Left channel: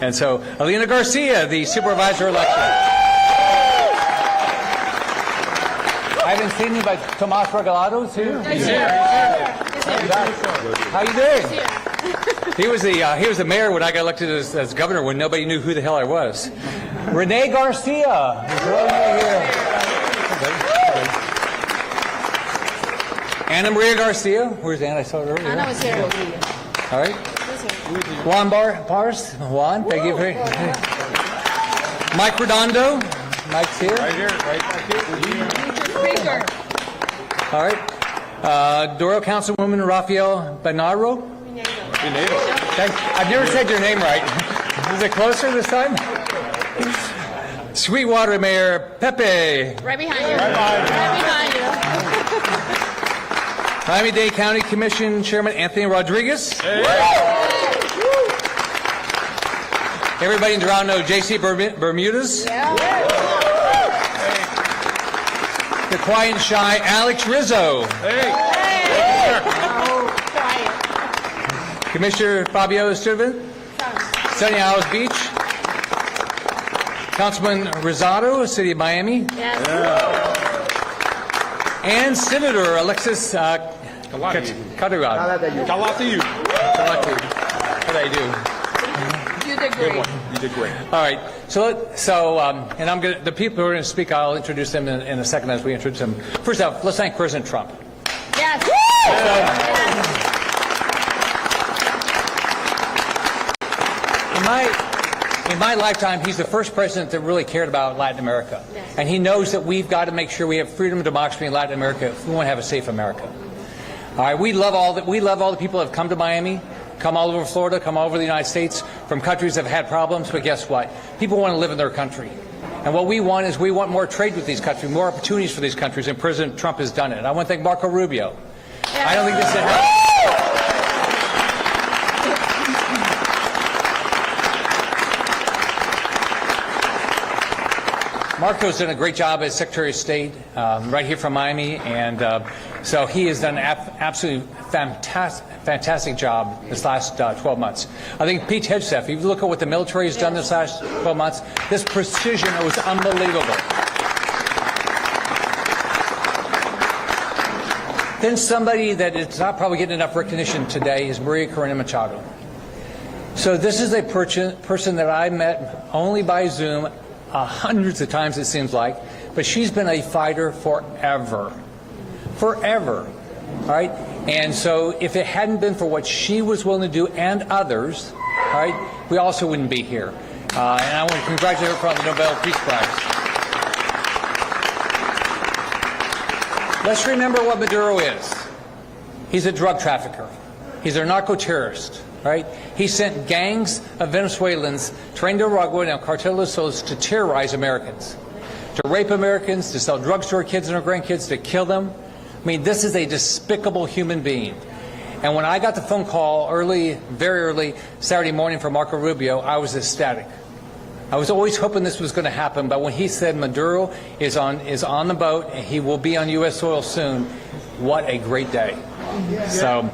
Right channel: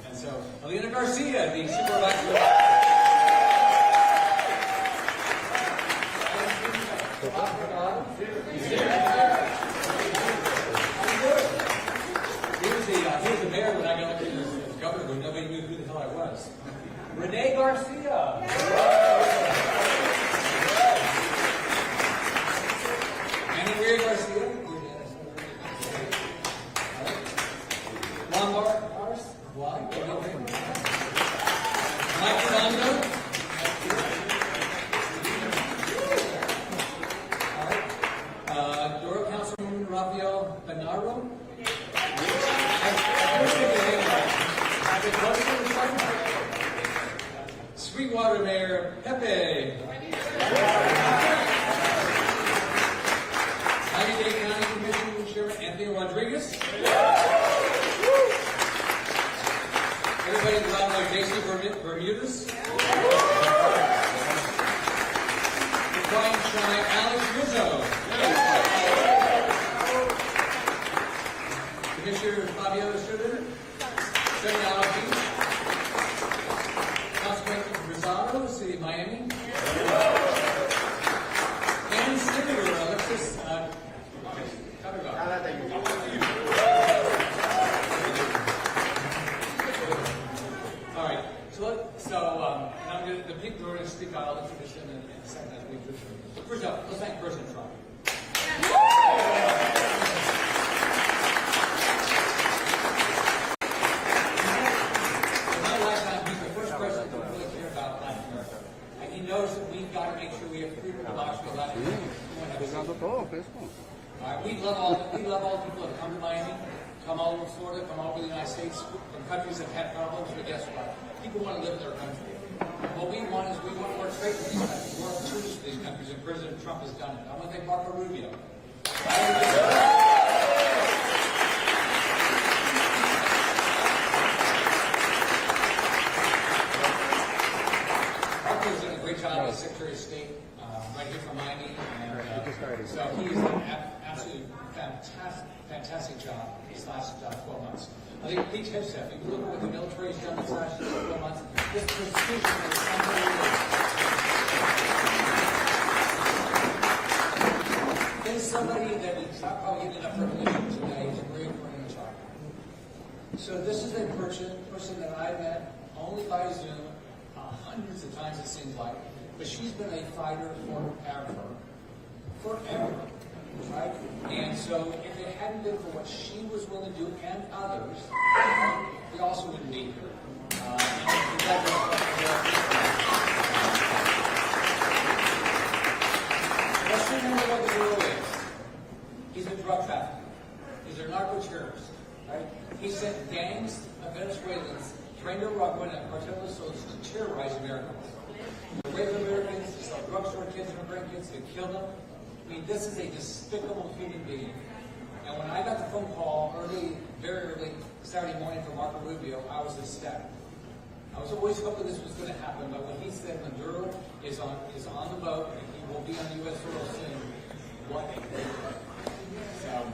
And so, Alina Garcia, the supervisor election. I haven't seen you, but Tomas Regalado, too. How you doing? He was the mayor when I got elected as governor, when nobody knew who the hell I was. Rene Garcia is right here. Ana Maria Garcia. Where's Anna? I saw her earlier. Ana was here. All right. Juan Bars. Juan, thank you very much. Mike Redondo. Mike's here. Right here, right here. All right. Doral Councilwoman Rafael Benaro. I've never said your name right. Is it closer this time? Sweetwater Mayor Pepe. Right behind you. Right behind you. Miami-Dade County Commission Chairman Anthony Rodriguez. Hey. Everybody in Doral knows J.C. Bermudez. Yeah. The quiet and shy Alex Rizzo. Hey. Commissioner Fabio Sturban, Sunny Isles Beach. Councilman Rosado, City of Miami. Yes. And Senator Alexis Calatayud. How do you do? You did great. You did great. All right. And I'm going to, the people who are going to speak, I'll introduce them in a second as we introduce them. First off, let's thank President Trump. Yes. In my lifetime, he's the first president that really cared about Latin America. Yes. And he knows that we've got to make sure we have freedom and democracy in Latin America if we want to have a safe America. All right, we love all the people that have come to Miami, come all over Florida, come all over the United States, from countries that have had problems, but guess what? People want to live in their country. And what we want is we want more trade with these countries, more opportunities for these countries, and President Trump has done it. I want to thank Marco Rubio. Yes. I don't think this is Marco's done a great job as Secretary of State right here from Miami, and so he has done an absolutely fantastic job this last 12 months. I think Pete Hegseth, if you look at what the military has done this last 12 months, this precision was unbelievable. Then somebody that is not probably getting enough recognition today is Maria Corina Machado. So this is a person that I met only by Zoom hundreds of times, it seems like, but she's been a fighter forever. Forever. All right? And so if it hadn't been for what she was willing to do and others, all right, we also wouldn't be here. And I want to congratulate her on the Nobel Peace Prize. Let's remember what Maduro is. He's a drug trafficker. He's a narco-terrorist. Right? He sent gangs of Venezuelans trained in Uruguay and El Cartel de los Solos to terrorize Americans, to rape Americans, to sell drugs to our kids and our grandkids, to kill them. I mean, this is a despicable human being. And when I got the phone call very early Saturday morning from Marco Rubio, I was ecstatic. I was always hoping this was going to happen, but when he said Maduro is on the boat and he will be on U.S. soil soon, what a great day. So.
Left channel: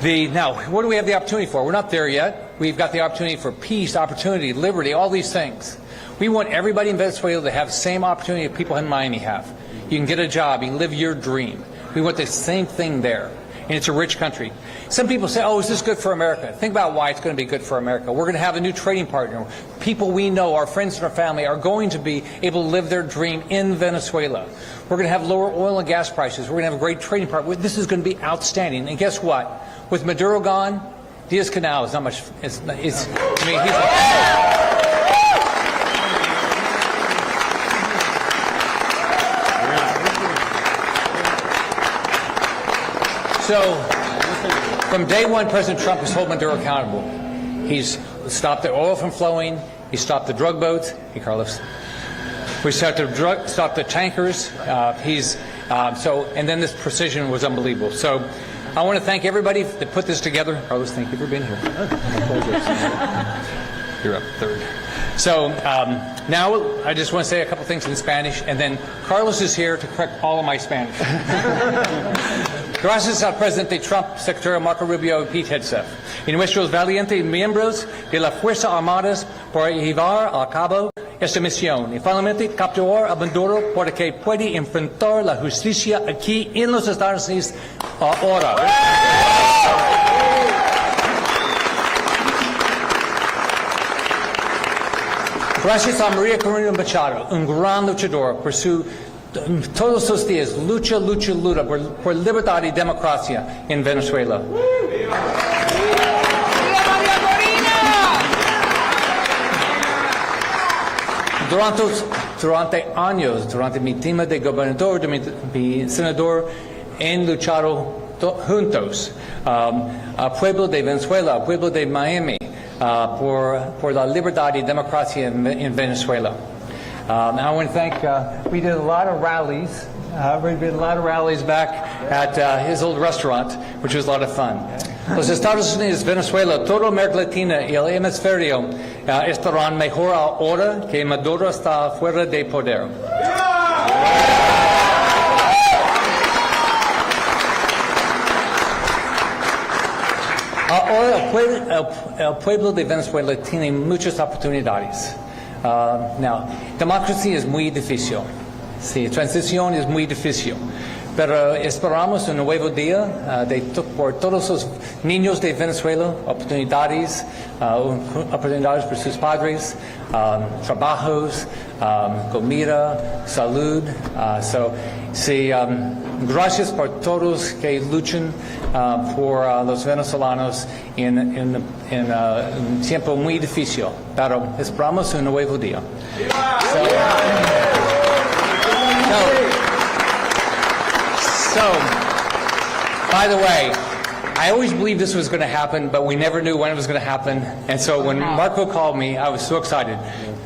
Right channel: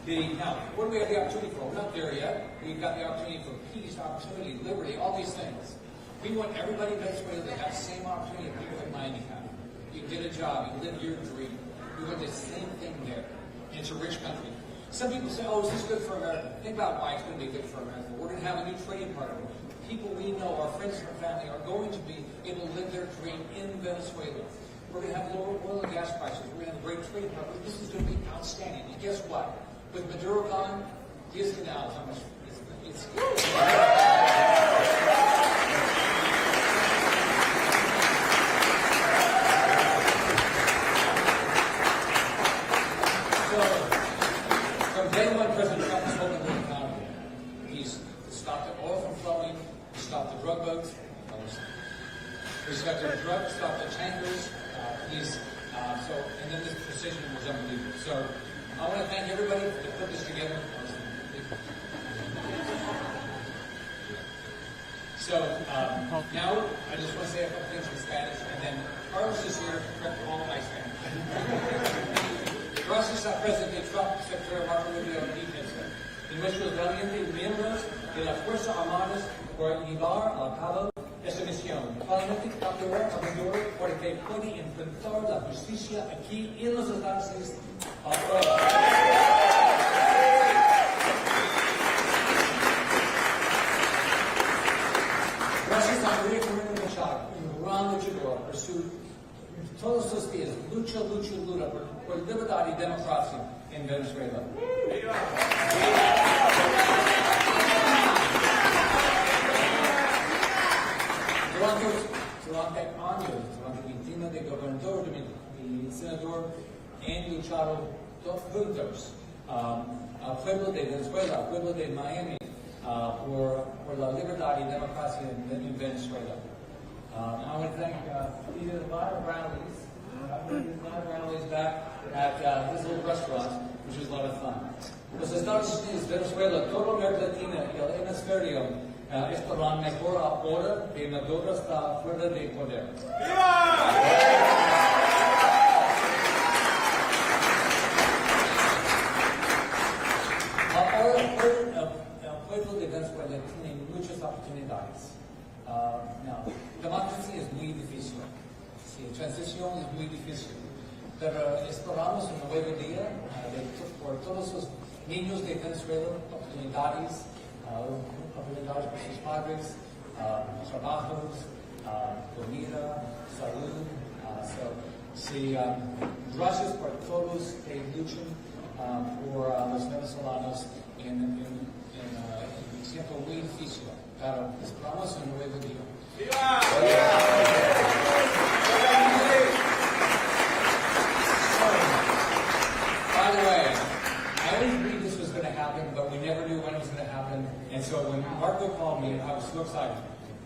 Now, what do we have the opportunity for? We're not there yet. We've got the opportunity for peace, opportunity, liberty, all these things. We want everybody in Venezuela to have the same opportunity that people in Miami have. You can get a job. You can live your dream. We want the same thing there. And it's a rich country. Some people say, oh, is this good for America? Think about why it's going to be good for America. We're going to have a new trading partner. People we know, our friends and our family, are going to be able to live their dream in Venezuela. We're going to have lower oil and gas prices. We're going to have a great trading partner. This is going to be outstanding. And guess what? With Maduro gone, Diaz-Canal is not much. I mean, he's So, from day one, President Trump has held Maduro accountable. He's stopped the oil from flowing. He stopped the drug boats. Hey, Carlos. We stopped the tankers. And then this precision was unbelievable. So. I want to thank everybody that put this together. Carlos, thank you for being here. You're up third. So now I just want to say a couple things in Spanish, and then Carlos is here to correct all of my Spanish. Gracias al presidente Trump, secretario Marco Rubio y Pete Hegseth, y nuestros valientes miembros de las Fuerzas Armadas por llevar a cabo esta misión y finalmente capturar a Maduro para que pueda enfrentar la justicia aquí en los Estados Unidos ahora. Gracias a María Corina Machado, un gran luchador por todos los días, lucha por libertad y democracia en Venezuela. Durante años, durante mi tema de gobernador, de mi senador, han luchado juntos al pueblo de Venezuela, al pueblo de Miami, por la libertad y democracia en Venezuela. I want to thank, we did a lot of rallies. We did a lot of rallies back at his old restaurant, which was a lot of fun. Los Estados Unidos, Venezuela, toda América Latina y el hemisferio estarán mejor ahora que Maduro está fuera de poder. Ahora el pueblo de Venezuela tiene muchas oportunidades. Now, democracia es muy difícil. Sí, transición es muy difícil. Pero esperamos un nuevo día por todos los niños de Venezuela, oportunidades para sus padres, trabajos, comida, salud. Gracias por todos que luchan por los venezolanos en un tiempo muy difícil. Pero esperamos un nuevo día. So, by the way, I always believed this was going to happen, but we never knew when it was going to happen. And so when Marco called me, I was so excited.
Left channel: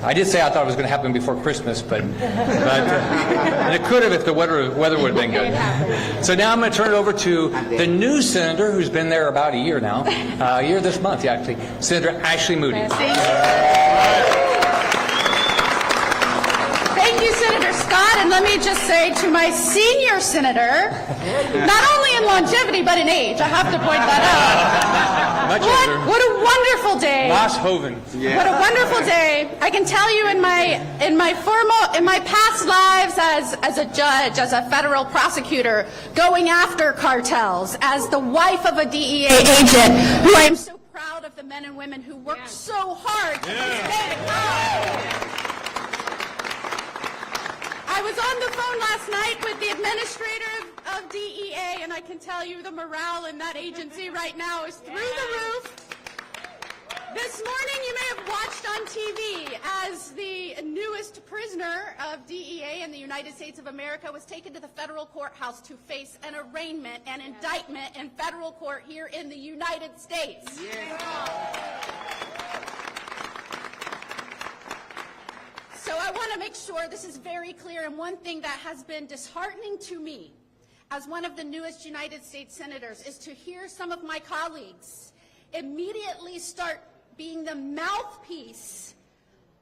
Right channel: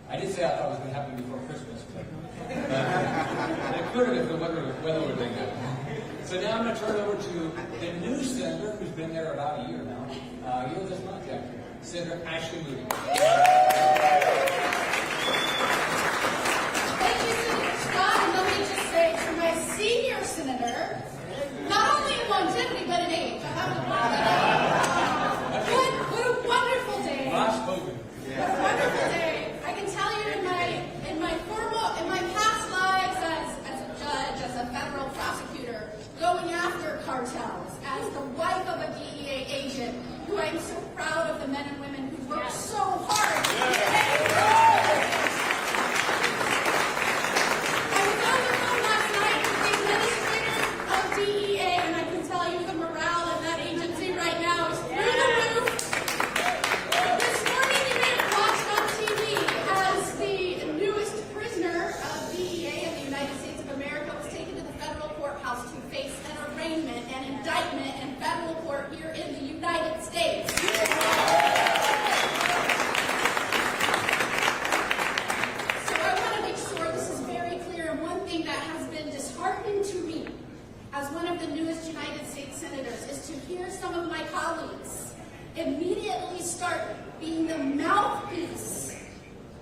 I did say I thought it was going to happen before Christmas, but and it could have if the weather would have been good. So now I'm going to turn it over to the new senator who's been there about a year now, a year this month, actually, Senator Ashley Moody. Thank you, Senator Scott. And let me just say to my senior senator, not only in longevity, but in age, I have to point that out. What a wonderful day. Lars Hoven. Yeah. What a wonderful day. I can tell you in my past lives as a judge, as a federal prosecutor, going after cartels, as the wife of a DEA agent, who I am so proud of the men and women who worked so hard to protect power. I was on the phone last night with the administrator of DEA, and I can tell you the morale in that agency right now is through the roof. This morning you may have watched on TV as the newest prisoner of DEA in the United States of America was taken to the federal courthouse to face an arraignment and indictment in federal court here in the United States. So I want to make sure this is very clear, and one thing that has been disheartening to me as one of the newest United States senators is to hear some of my colleagues immediately start being the mouthpiece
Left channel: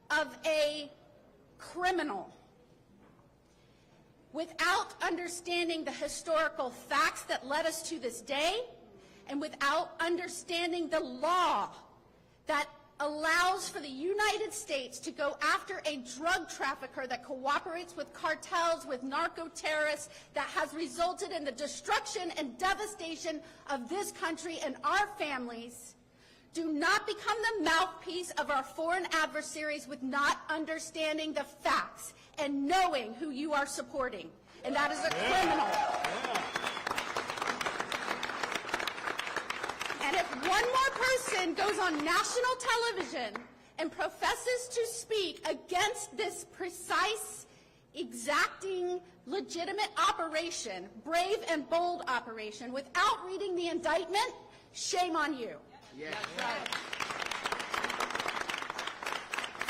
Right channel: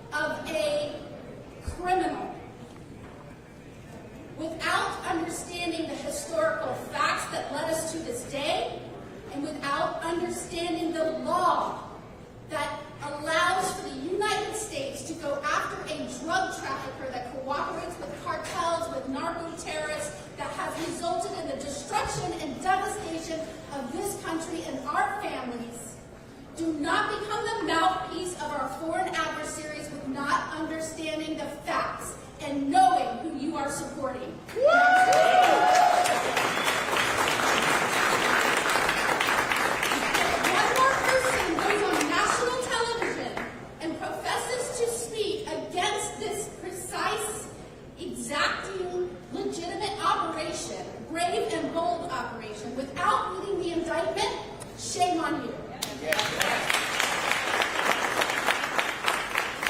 of a criminal without understanding the historical facts that led us to this day, and without understanding the law that allows for the United States to go after a drug trafficker that cooperates with cartels, with narco-terrorists, that has resulted in the destruction and devastation of this country and our families. Do not become the mouthpiece of our foreign adversaries with not understanding the facts and knowing who you are supporting. One more person goes on national television and professes to speak against this precise, exacting, legitimate operation, brave and bold operation, without reading the indictment, shame on you.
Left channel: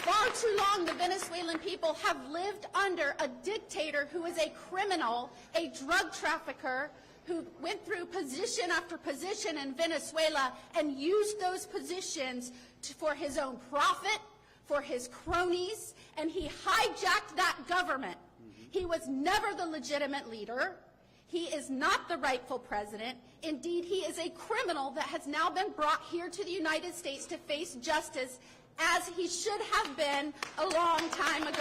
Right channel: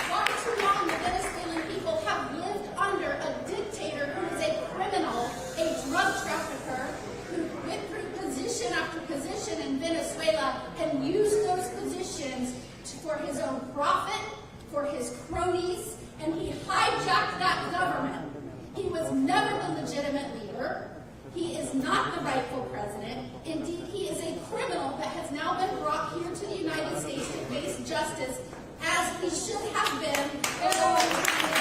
Far too long, the Venezuelan people have lived under a dictator who is a criminal, a drug trafficker, who went through position after position in Venezuela and used those positions for his own profit, for his cronies, and he hijacked that government. He was never the legitimate leader. He is not the rightful president. Indeed, he is a criminal that has now been brought here to the United States to face justice, as he should have been a long time ago.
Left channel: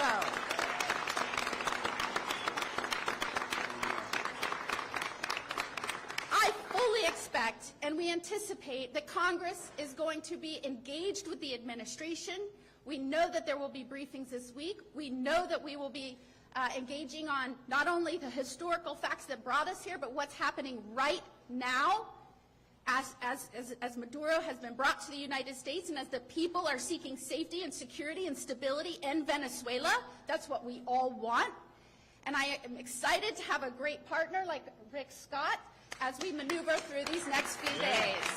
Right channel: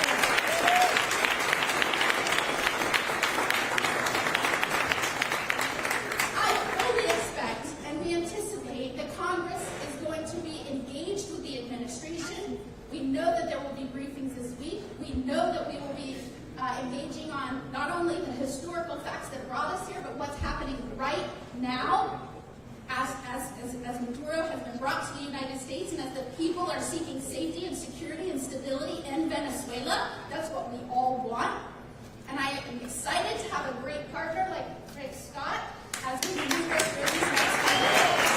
I fully expect and we anticipate that Congress is going to be engaged with the administration. We know that there will be briefings this week. We know that we will be engaging on not only the historical facts that brought us here, but what's happening right now as Maduro has been brought to the United States and as the people are seeking safety and security and stability in Venezuela. That's what we all want. And I am excited to have a great partner like Rick Scott as we maneuver through these next 5 days.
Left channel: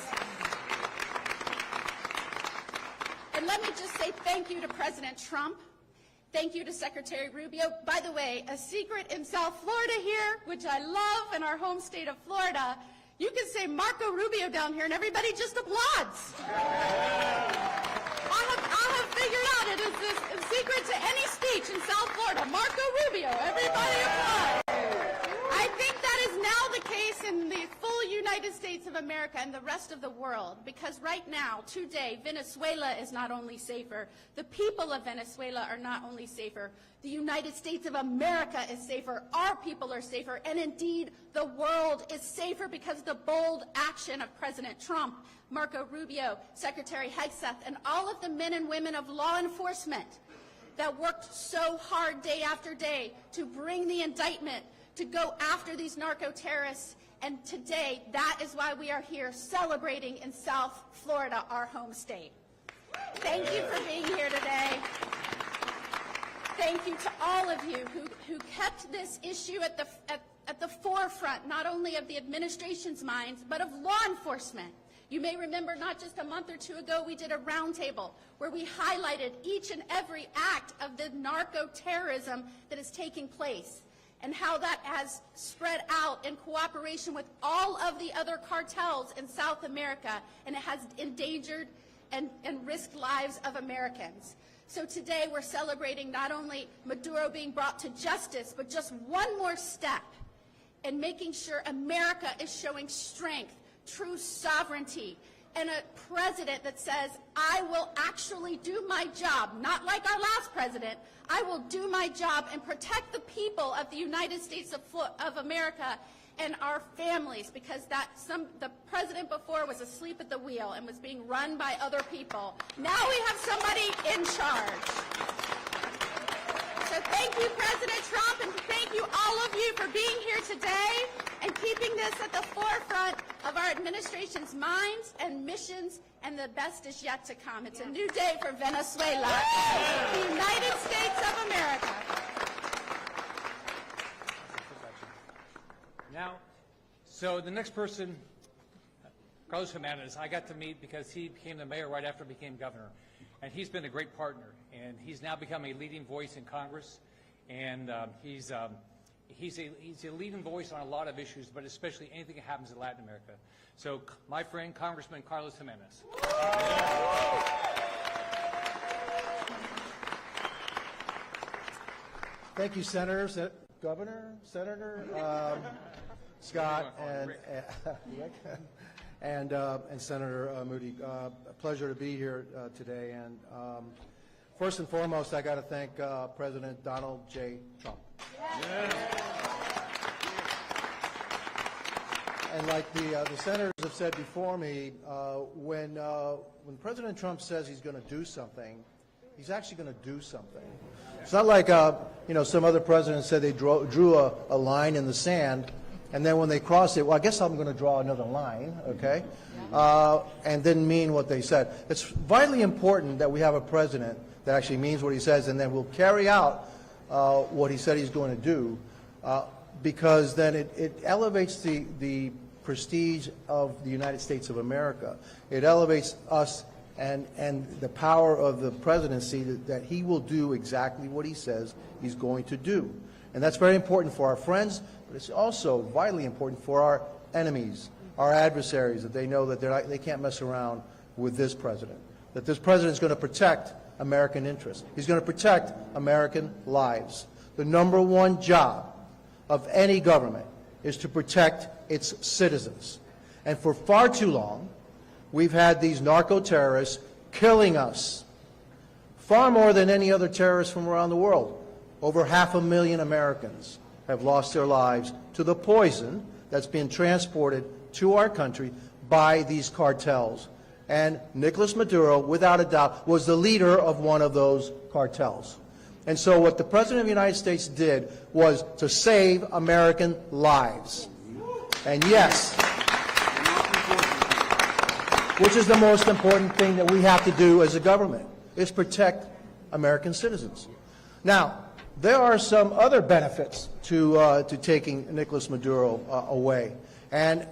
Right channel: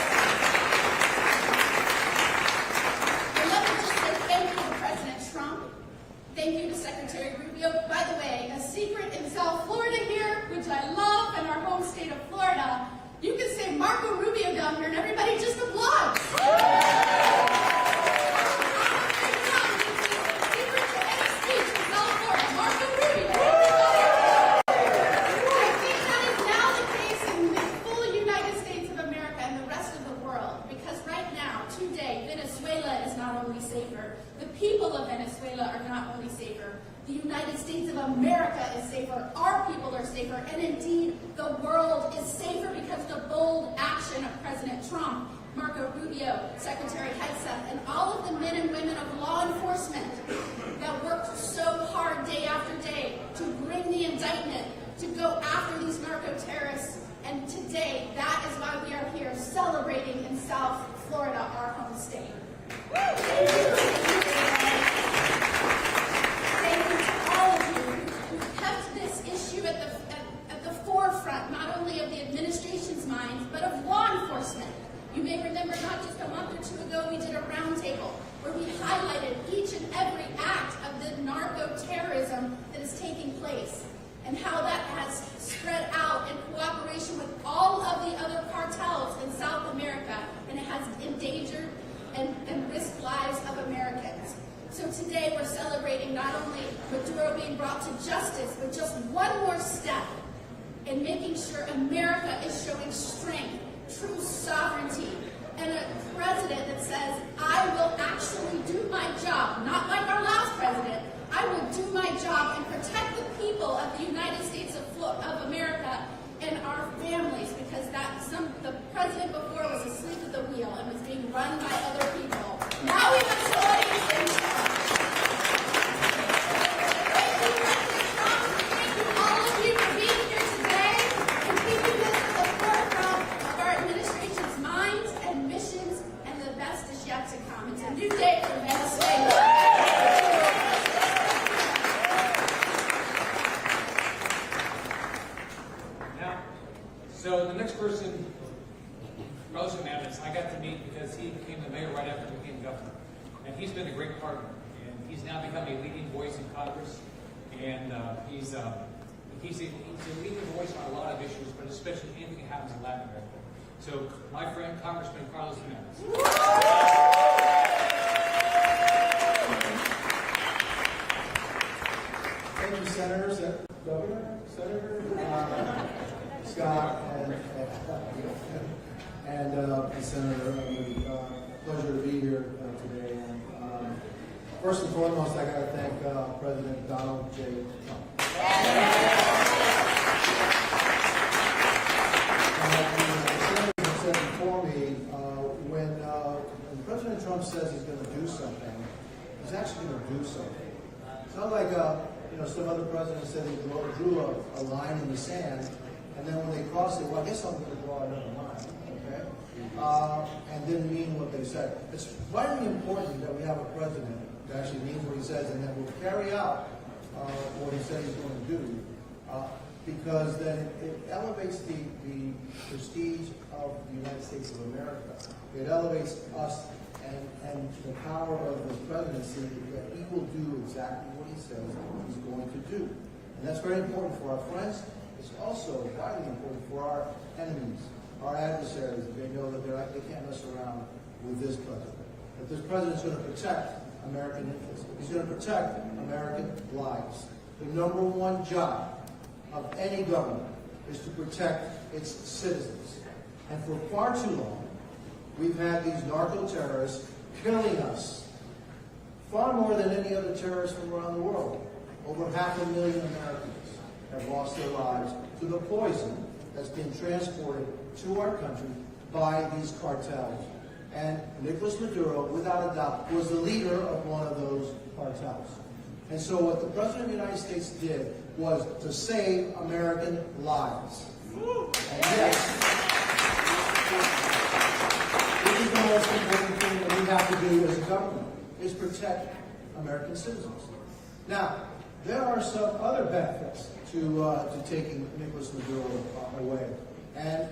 And let me just say thank you to President Trump. Thank you to Secretary Rubio. By the way, a secret in South Florida here, which I love, in our home state of Florida, you can say Marco Rubio down here and everybody just applauds. I have figured out if it's a secret to any speech in South Florida. Marco Rubio, everybody applauds. I think that is now the case in the full United States of America and the rest of the world, because right now, today, Venezuela is not only safer, the people of Venezuela are not only safer, the United States of America is safer, our people are safer, and indeed the world is safer because of the bold action of President Trump, Marco Rubio, Secretary Hegseth, and all of the men and women of law enforcement that worked so hard day after day to bring the indictment, to go after these narco-terrorists. And today, that is why we are here celebrating in South Florida, our home state. Thank you for being here today. Thank you to all of you who kept this issue at the forefront, not only of the administration's minds, but of law enforcement. You may remember not just a month or two ago, we did a roundtable where we highlighted each and every act of the narco-terrorism that is taking place and how that has spread out in cooperation with all of the other cartels in South America, and it has endangered and risked lives of Americans. So today we're celebrating not only Maduro being brought to justice, but just one more step in making sure America is showing strength, true sovereignty, and a president that says, I will actually do my job, not like our last president. I will do my job and protect the people of the United States of America and our families, because the president before was asleep at the wheel and was being run by other people. Now we want somebody in charge. Thank you, President Trump. Thank you, all of you, for being here today and keeping this at the forefront of our administration's minds and missions, and the best is yet to come. It's a new day for Venezuela. The United States of America. Now, so the next person, Carlos Hernandez, I got to meet because he became the mayor right after he became governor. And he's been a great partner. And he's now become a leading voice in Congress. And he's a leading voice on a lot of issues, but especially anything that happens in Latin America. So, my friend, Congressman Carlos Hernandez. Thank you, Senator, Governor, Senator Scott, and Senator Moody. Pleasure to be here today. And first and foremost, I got to thank President Donald J. Trump. The senators said before me, when President Trump says he's going to do something, he's actually going to do something. It's not like some other presidents said they drew a line in the sand, and then when they crossed it, well, I guess I'm going to draw another line, okay? And didn't mean what they said. It's vitally important that we have a president that actually means what he says, and then will carry out what he said he's going to do, because then it elevates the prestige of the United States of America. It elevates us and the power of the presidency that he will do exactly what he says he's going to do. And that's very important for our friends, but it's also vitally important for our enemies, our adversaries, that they know that they can't mess around with this president, that this president is going to protect American interests. He's going to protect American lives. The number one job of any government is to protect its citizens. And for far too long, we've had these narco-terrorists killing us, far more than any other terrorists from around the world. Over 500,000 Americans have lost their lives to the poison that's been transported to our country by these cartels. And Nicolas Maduro, without a doubt, was the leader of one of those cartels. And so what the President of the United States did was to save American lives. And yes, which is the most important thing that we have to do as a government, is protect American citizens. Now, there are some other benefits to taking Nicolas Maduro away. And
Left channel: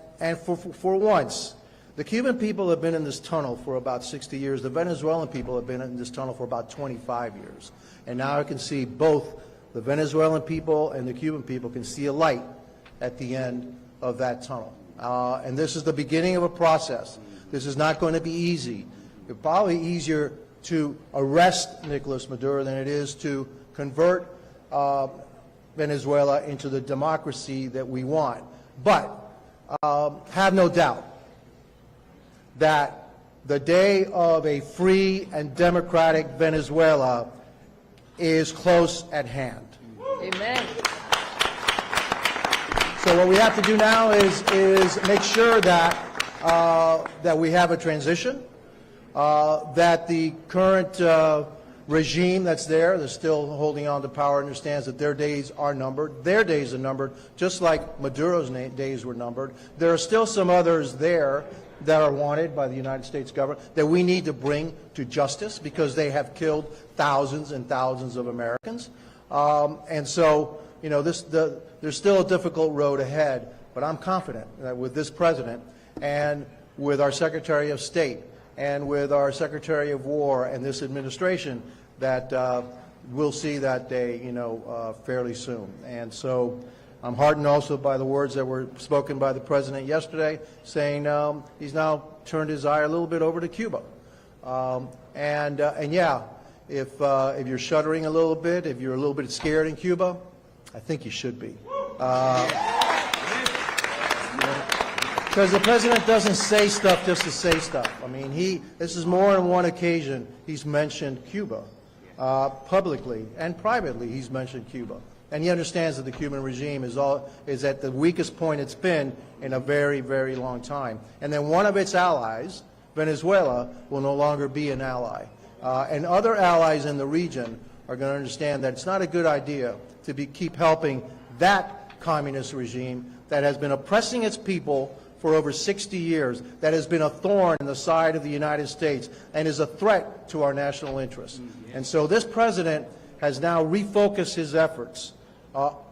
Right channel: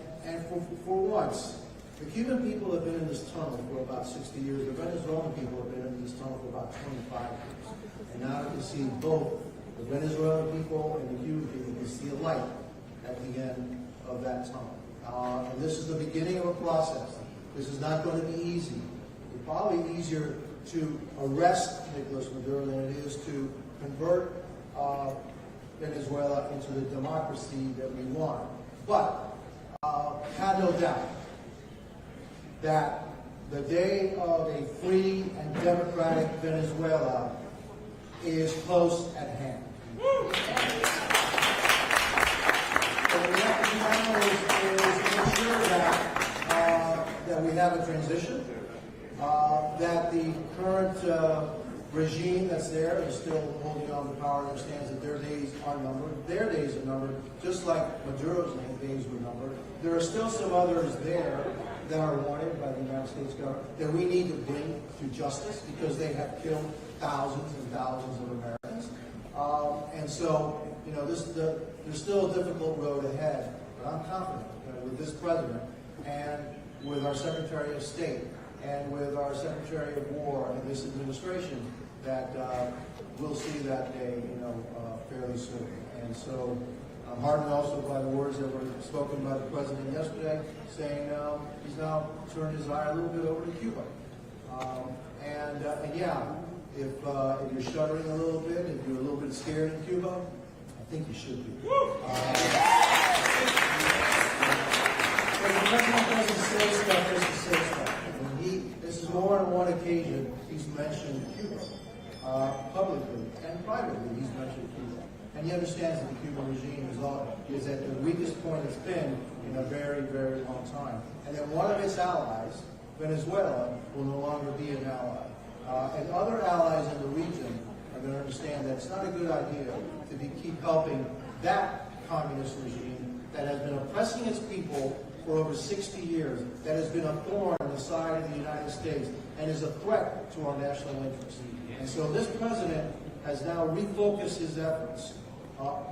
for once, the Cuban people have been in this tunnel for about 60 years. The Venezuelan people have been in this tunnel for about 25 years. And now I can see both the Venezuelan people and the Cuban people can see a light at the end of that tunnel. And this is the beginning of a process. This is not going to be easy. It's probably easier to arrest Nicolas Maduro than it is to convert Venezuela into the democracy that we want. But have no doubt that the day of a free and democratic Venezuela is close at hand. Amen. So what we have to do now is make sure that that we have a transition, that the current regime that's there, that's still holding on to power, understands that their days are numbered. Their days are numbered, just like Maduro's days were numbered. There are still some others there that are wanted by the United States government that we need to bring to justice because they have killed thousands and thousands of Americans. And so, you know, there's still a difficult road ahead, but I'm confident that with this president and with our Secretary of State and with our Secretary of War and this administration that we'll see that day, you know, fairly soon. And so I'm heartened also by the words that were spoken by the President yesterday, saying he's now turned his eye a little bit over to Cuba. And yeah, if you're shuddering a little bit, if you're a little bit scared in Cuba, I think you should be. Because the President doesn't say stuff just to say stuff. I mean, this is more than one occasion he's mentioned Cuba. Publicly and privately, he's mentioned Cuba. And he understands that the Cuban regime is at the weakest point it's been in a very, very long time. And then one of its allies, Venezuela, will no longer be an ally. And other allies in the region are going to understand that it's not a good idea to keep helping that communist regime that has been oppressing its people for over 60 years, that has been a thorn in the side of the United States and is a threat to our national interests. And so this president has now refocused his efforts,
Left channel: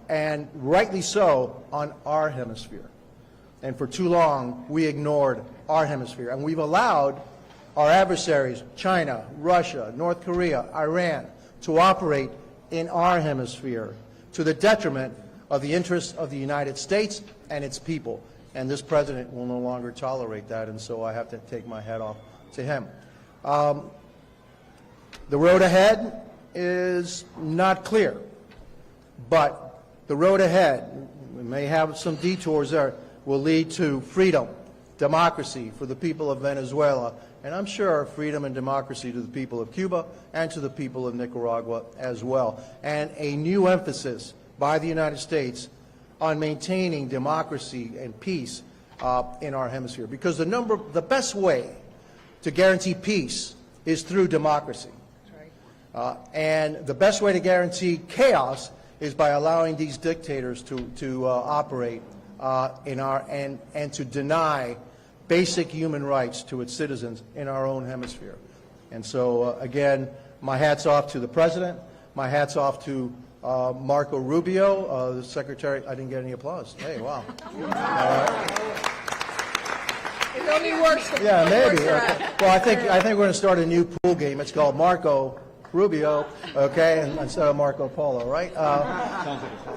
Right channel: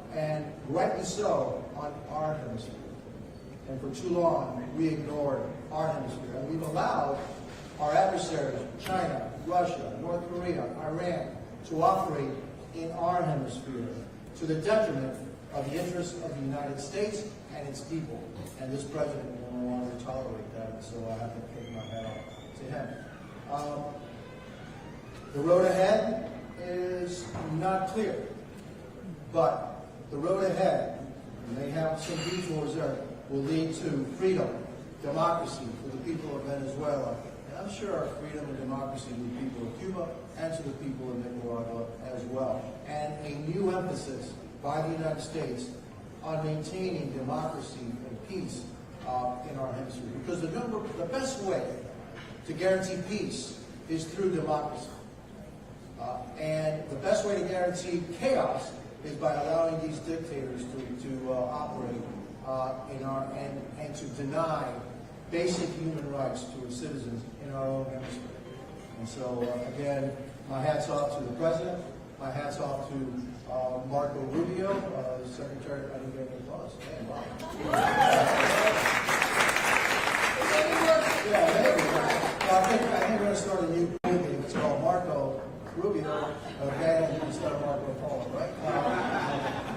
and rightly so, on our hemisphere. And for too long, we ignored our hemisphere. And we've allowed our adversaries, China, Russia, North Korea, Iran, to operate in our hemisphere to the detriment of the interests of the United States and its people. And this president will no longer tolerate that, and so I have to take my hat off to him. The road ahead is not clear, but the road ahead, we may have some detours there, will lead to freedom, democracy for the people of Venezuela, and I'm sure freedom and democracy to the people of Cuba and to the people of Nicaragua as well. And a new emphasis by the United States on maintaining democracy and peace in our hemisphere. Because the best way to guarantee peace is through democracy. And the best way to guarantee chaos is by allowing these dictators to operate and to deny basic human rights to its citizens in our own hemisphere. And so, again, my hat's off to the President. My hat's off to Marco Rubio, the Secretary. I didn't get any applause. Hey, wow. It only works if Yeah, it maybe. works around. Well, I think we're going to start a new pool game. It's called Marco Rubio, okay, and instead of Marco Polo, right?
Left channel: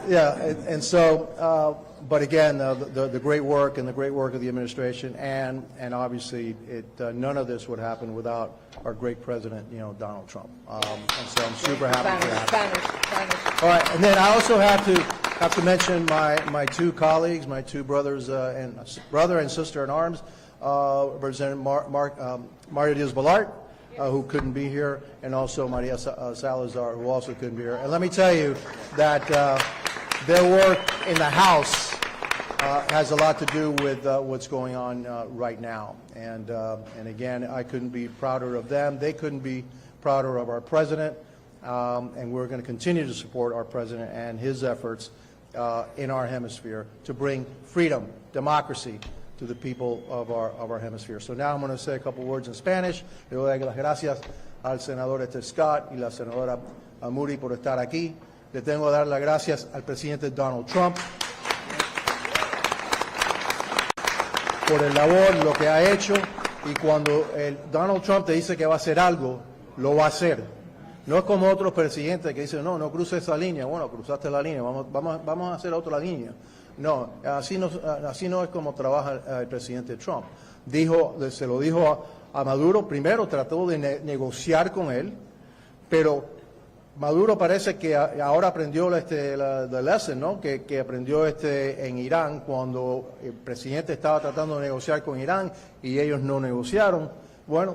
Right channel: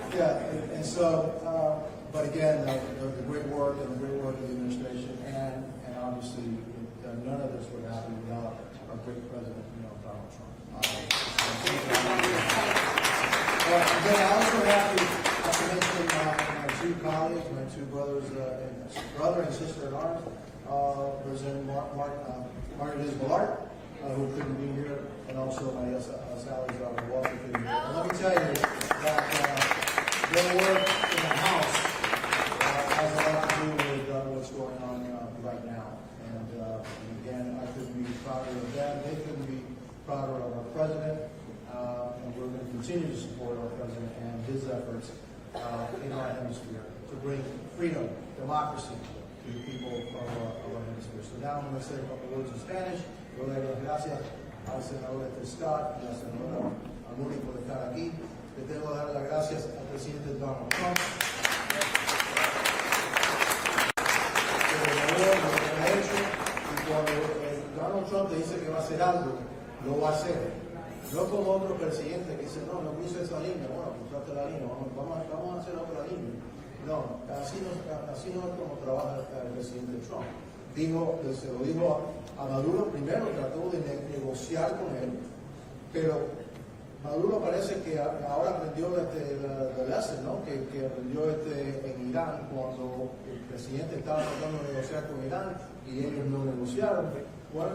Yeah, and so, but again, the great work and the great work of the administration, and obviously, none of this would happen without our great president, Donald Trump. And so I'm super happy. Bang, bang, bang. All right, and then I also have to mention my two colleagues, my two brothers brother and sister in arms, Representative Mario Diaz-Balart, who couldn't be here, and also Maria Salazar, who also couldn't be here. And let me tell you that their work in the House has a lot to do with what's going on right now. And again, I couldn't be prouder of them. They couldn't be prouder of our president. And we're going to continue to support our president and his efforts in our hemisphere to bring freedom, democracy to the people of our hemisphere. So now I'm going to say a couple words in Spanish. Le doy las gracias al senador Scott y la senadora Muri por estar aquí. Le tengo que dar las gracias al presidente Donald Trump por el labor, lo que ha hecho, y cuando Donald Trump te dice que va a hacer algo, lo va a hacer. No es como otros presidentes que dicen, no cruces esa línea. Bueno, cruzaste la línea, vamos a hacer otra línea. No, así no es como trabaja el presidente Trump. Se lo dijo a Maduro, primero trató de negociar con él, pero Maduro parece que ahora aprendió la lesson, ¿no? Que aprendió en Irán cuando el presidente estaba tratando de negociar con Irán y ellos no negociaron. Bueno,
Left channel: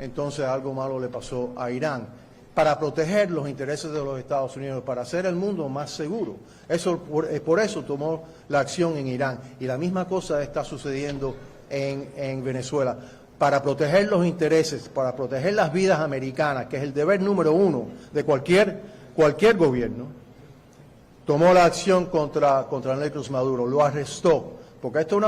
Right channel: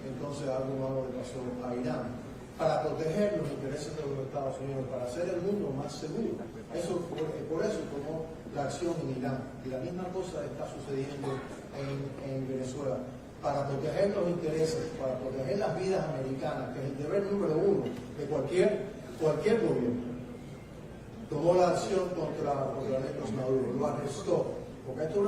entonces algo malo le pasó a Irán. Para proteger los intereses de los Estados Unidos, para hacer el mundo más seguro. Por eso tomó la acción en Irán. Y la misma cosa está sucediendo en Venezuela. Para proteger los intereses, para proteger las vidas americanas, que es el deber número uno de cualquier gobierno, tomó la acción contra Nicolás Maduro, lo arrestó. Porque esto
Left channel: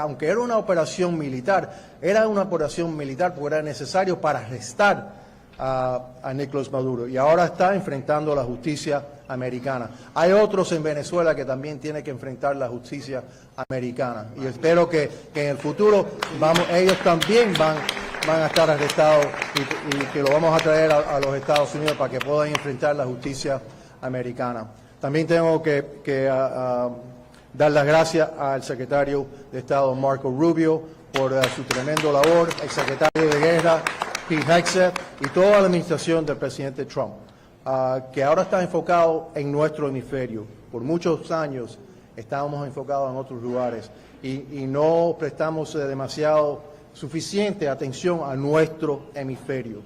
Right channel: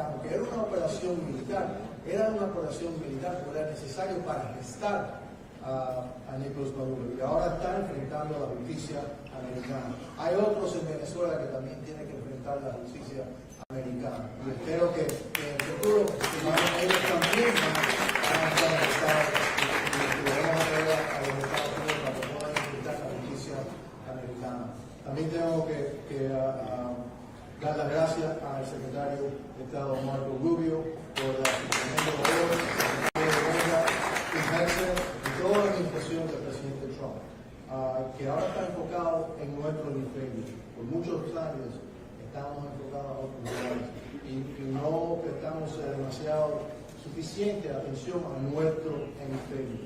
aunque era una operación militar, porque era necesario para arrestar a Nicolás Maduro, y ahora está enfrentando la justicia americana. Hay otros en Venezuela que también tienen que enfrentar la justicia americana, y espero que en el futuro ellos también van a estar arrestados y que lo vamos a traer a los Estados Unidos para que puedan enfrentar la justicia americana. También tengo que dar las gracias al secretario de Estado Marco Rubio por su tremendo labor, el secretario de Guerra Pete Hegseth y toda la administración del presidente Trump, que ahora está enfocado en nuestro hemisferio. Por muchos años estábamos enfocados en otros lugares y no prestamos suficiente atención a nuestro hemisferio.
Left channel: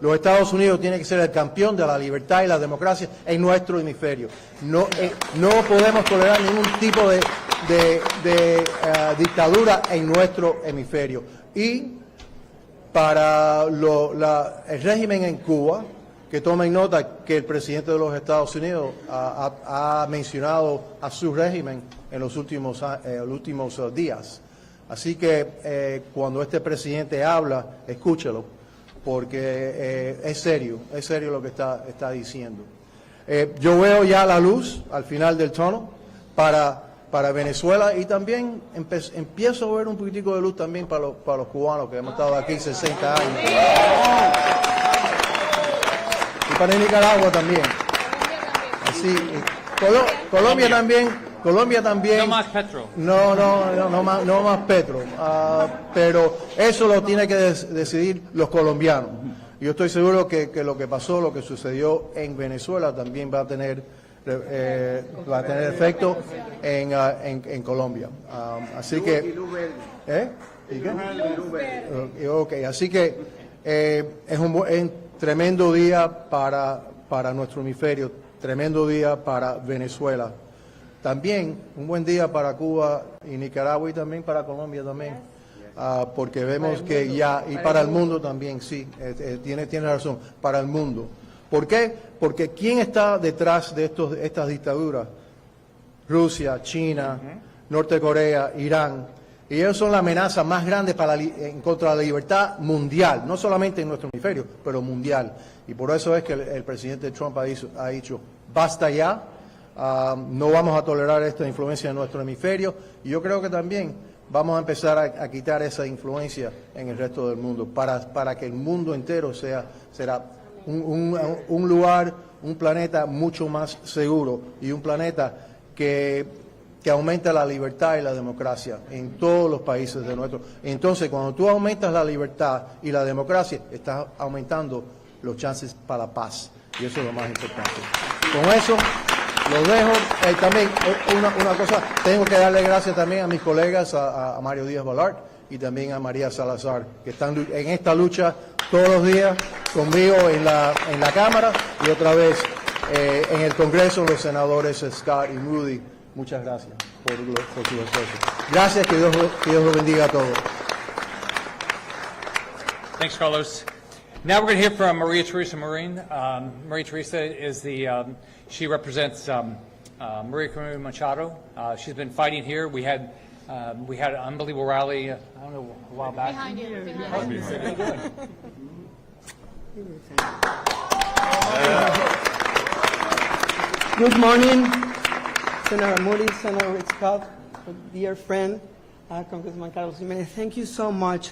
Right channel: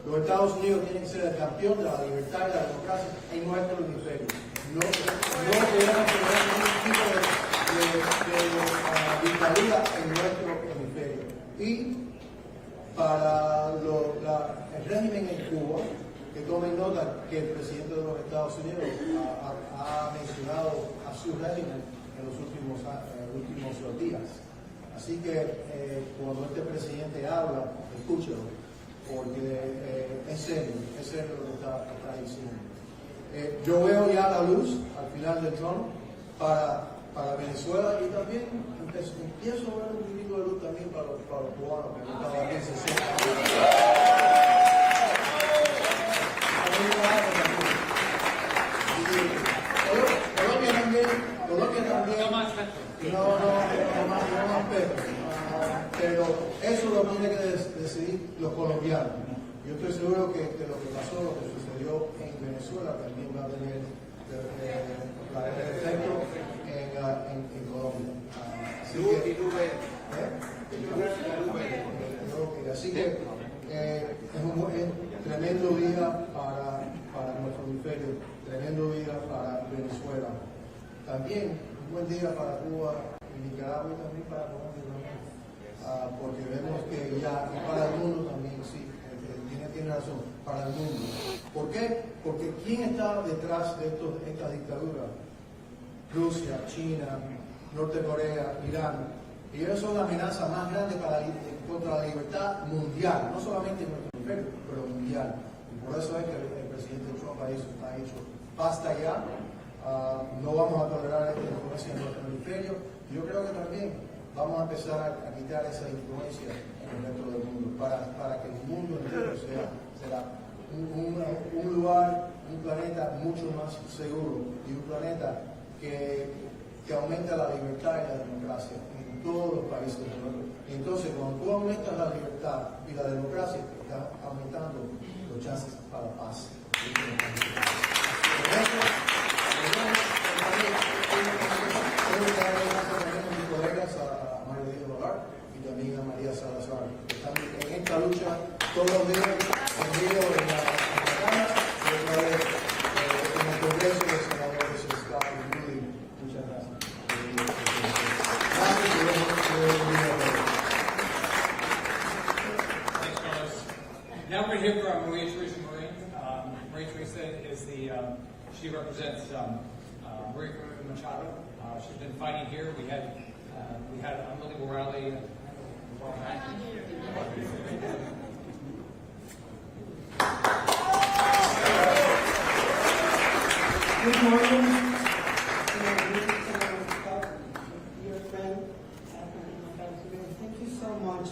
Los Estados Unidos tienen que ser el campeón de la libertad y la democracia en nuestro hemisferio. No podemos tolerar ningún tipo de dictadura en nuestro hemisferio. Y para el régimen en Cuba, que tomen nota que el presidente de los Estados Unidos ha mencionado a su régimen en los últimos días. Así que cuando este presidente habla, escúchelo, porque es serio lo que está diciendo. Yo veo ya la luz al final del túnel para Venezuela, y también empiezo a ver un poquitico de luz también para los cubanos que hemos estado aquí 60 años. Y para Nicaragua también. Así, Colombia también. No más petro. No más petro. Pero eso lo tienen que decidir los colombianos. Yo estoy seguro que lo que sucedió en Venezuela también va a tener efecto en Colombia. Así que así que es un tremendo día para nuestro hemisferio, tremendo día para Venezuela, también un buen día para Cuba y Nicaragua, y también para Colombia también, porque vemos que y para el mundo también, sí, tiene razón, para el mundo. ¿Por qué? Porque ¿quién está detrás de estas dictaduras? Rusia, China, Norte Corea, Irán. Y ellos son la amenaza más grande en contra de la libertad mundial, no solamente en nuestro hemisferio, pero mundial. Y por eso es que el presidente Trump ha dicho, basta ya, no vamos a tolerar esta influencia en nuestro hemisferio. Y yo creo que también vamos a empezar a quitar esa influencia en el resto del mundo, para que el mundo entero será un lugar, un planeta mucho más seguro, y un planeta que aumenta la libertad y la democracia en todos los países de nuestro. Entonces, cuando tú aumentas la libertad y la democracia, estás aumentando los chances para la paz Y eso es lo más importante. Con eso los dejo. También una cosa, tengo que darle gracias también a mis colegas, a Mario Díaz Balart y también a María Salazar, que están en esta lucha todos los días conmigo en la Cámara y otra vez en el Congreso, los senadores Scott y Rudy. Muchas gracias por su esfuerzo. Gracias, que Dios los bendiga a todos. Thanks, Carlos. Now we're going to hear from Maria Teresa Marin. Maria Teresa is she represents Maria Corina Machado. She's been fighting here. We had an unbelievable rally, I don't know, a while back. Good morning, Senator Moody, Senator Scott, dear friend, Congressman Carlos Jimenez. Thank you so much.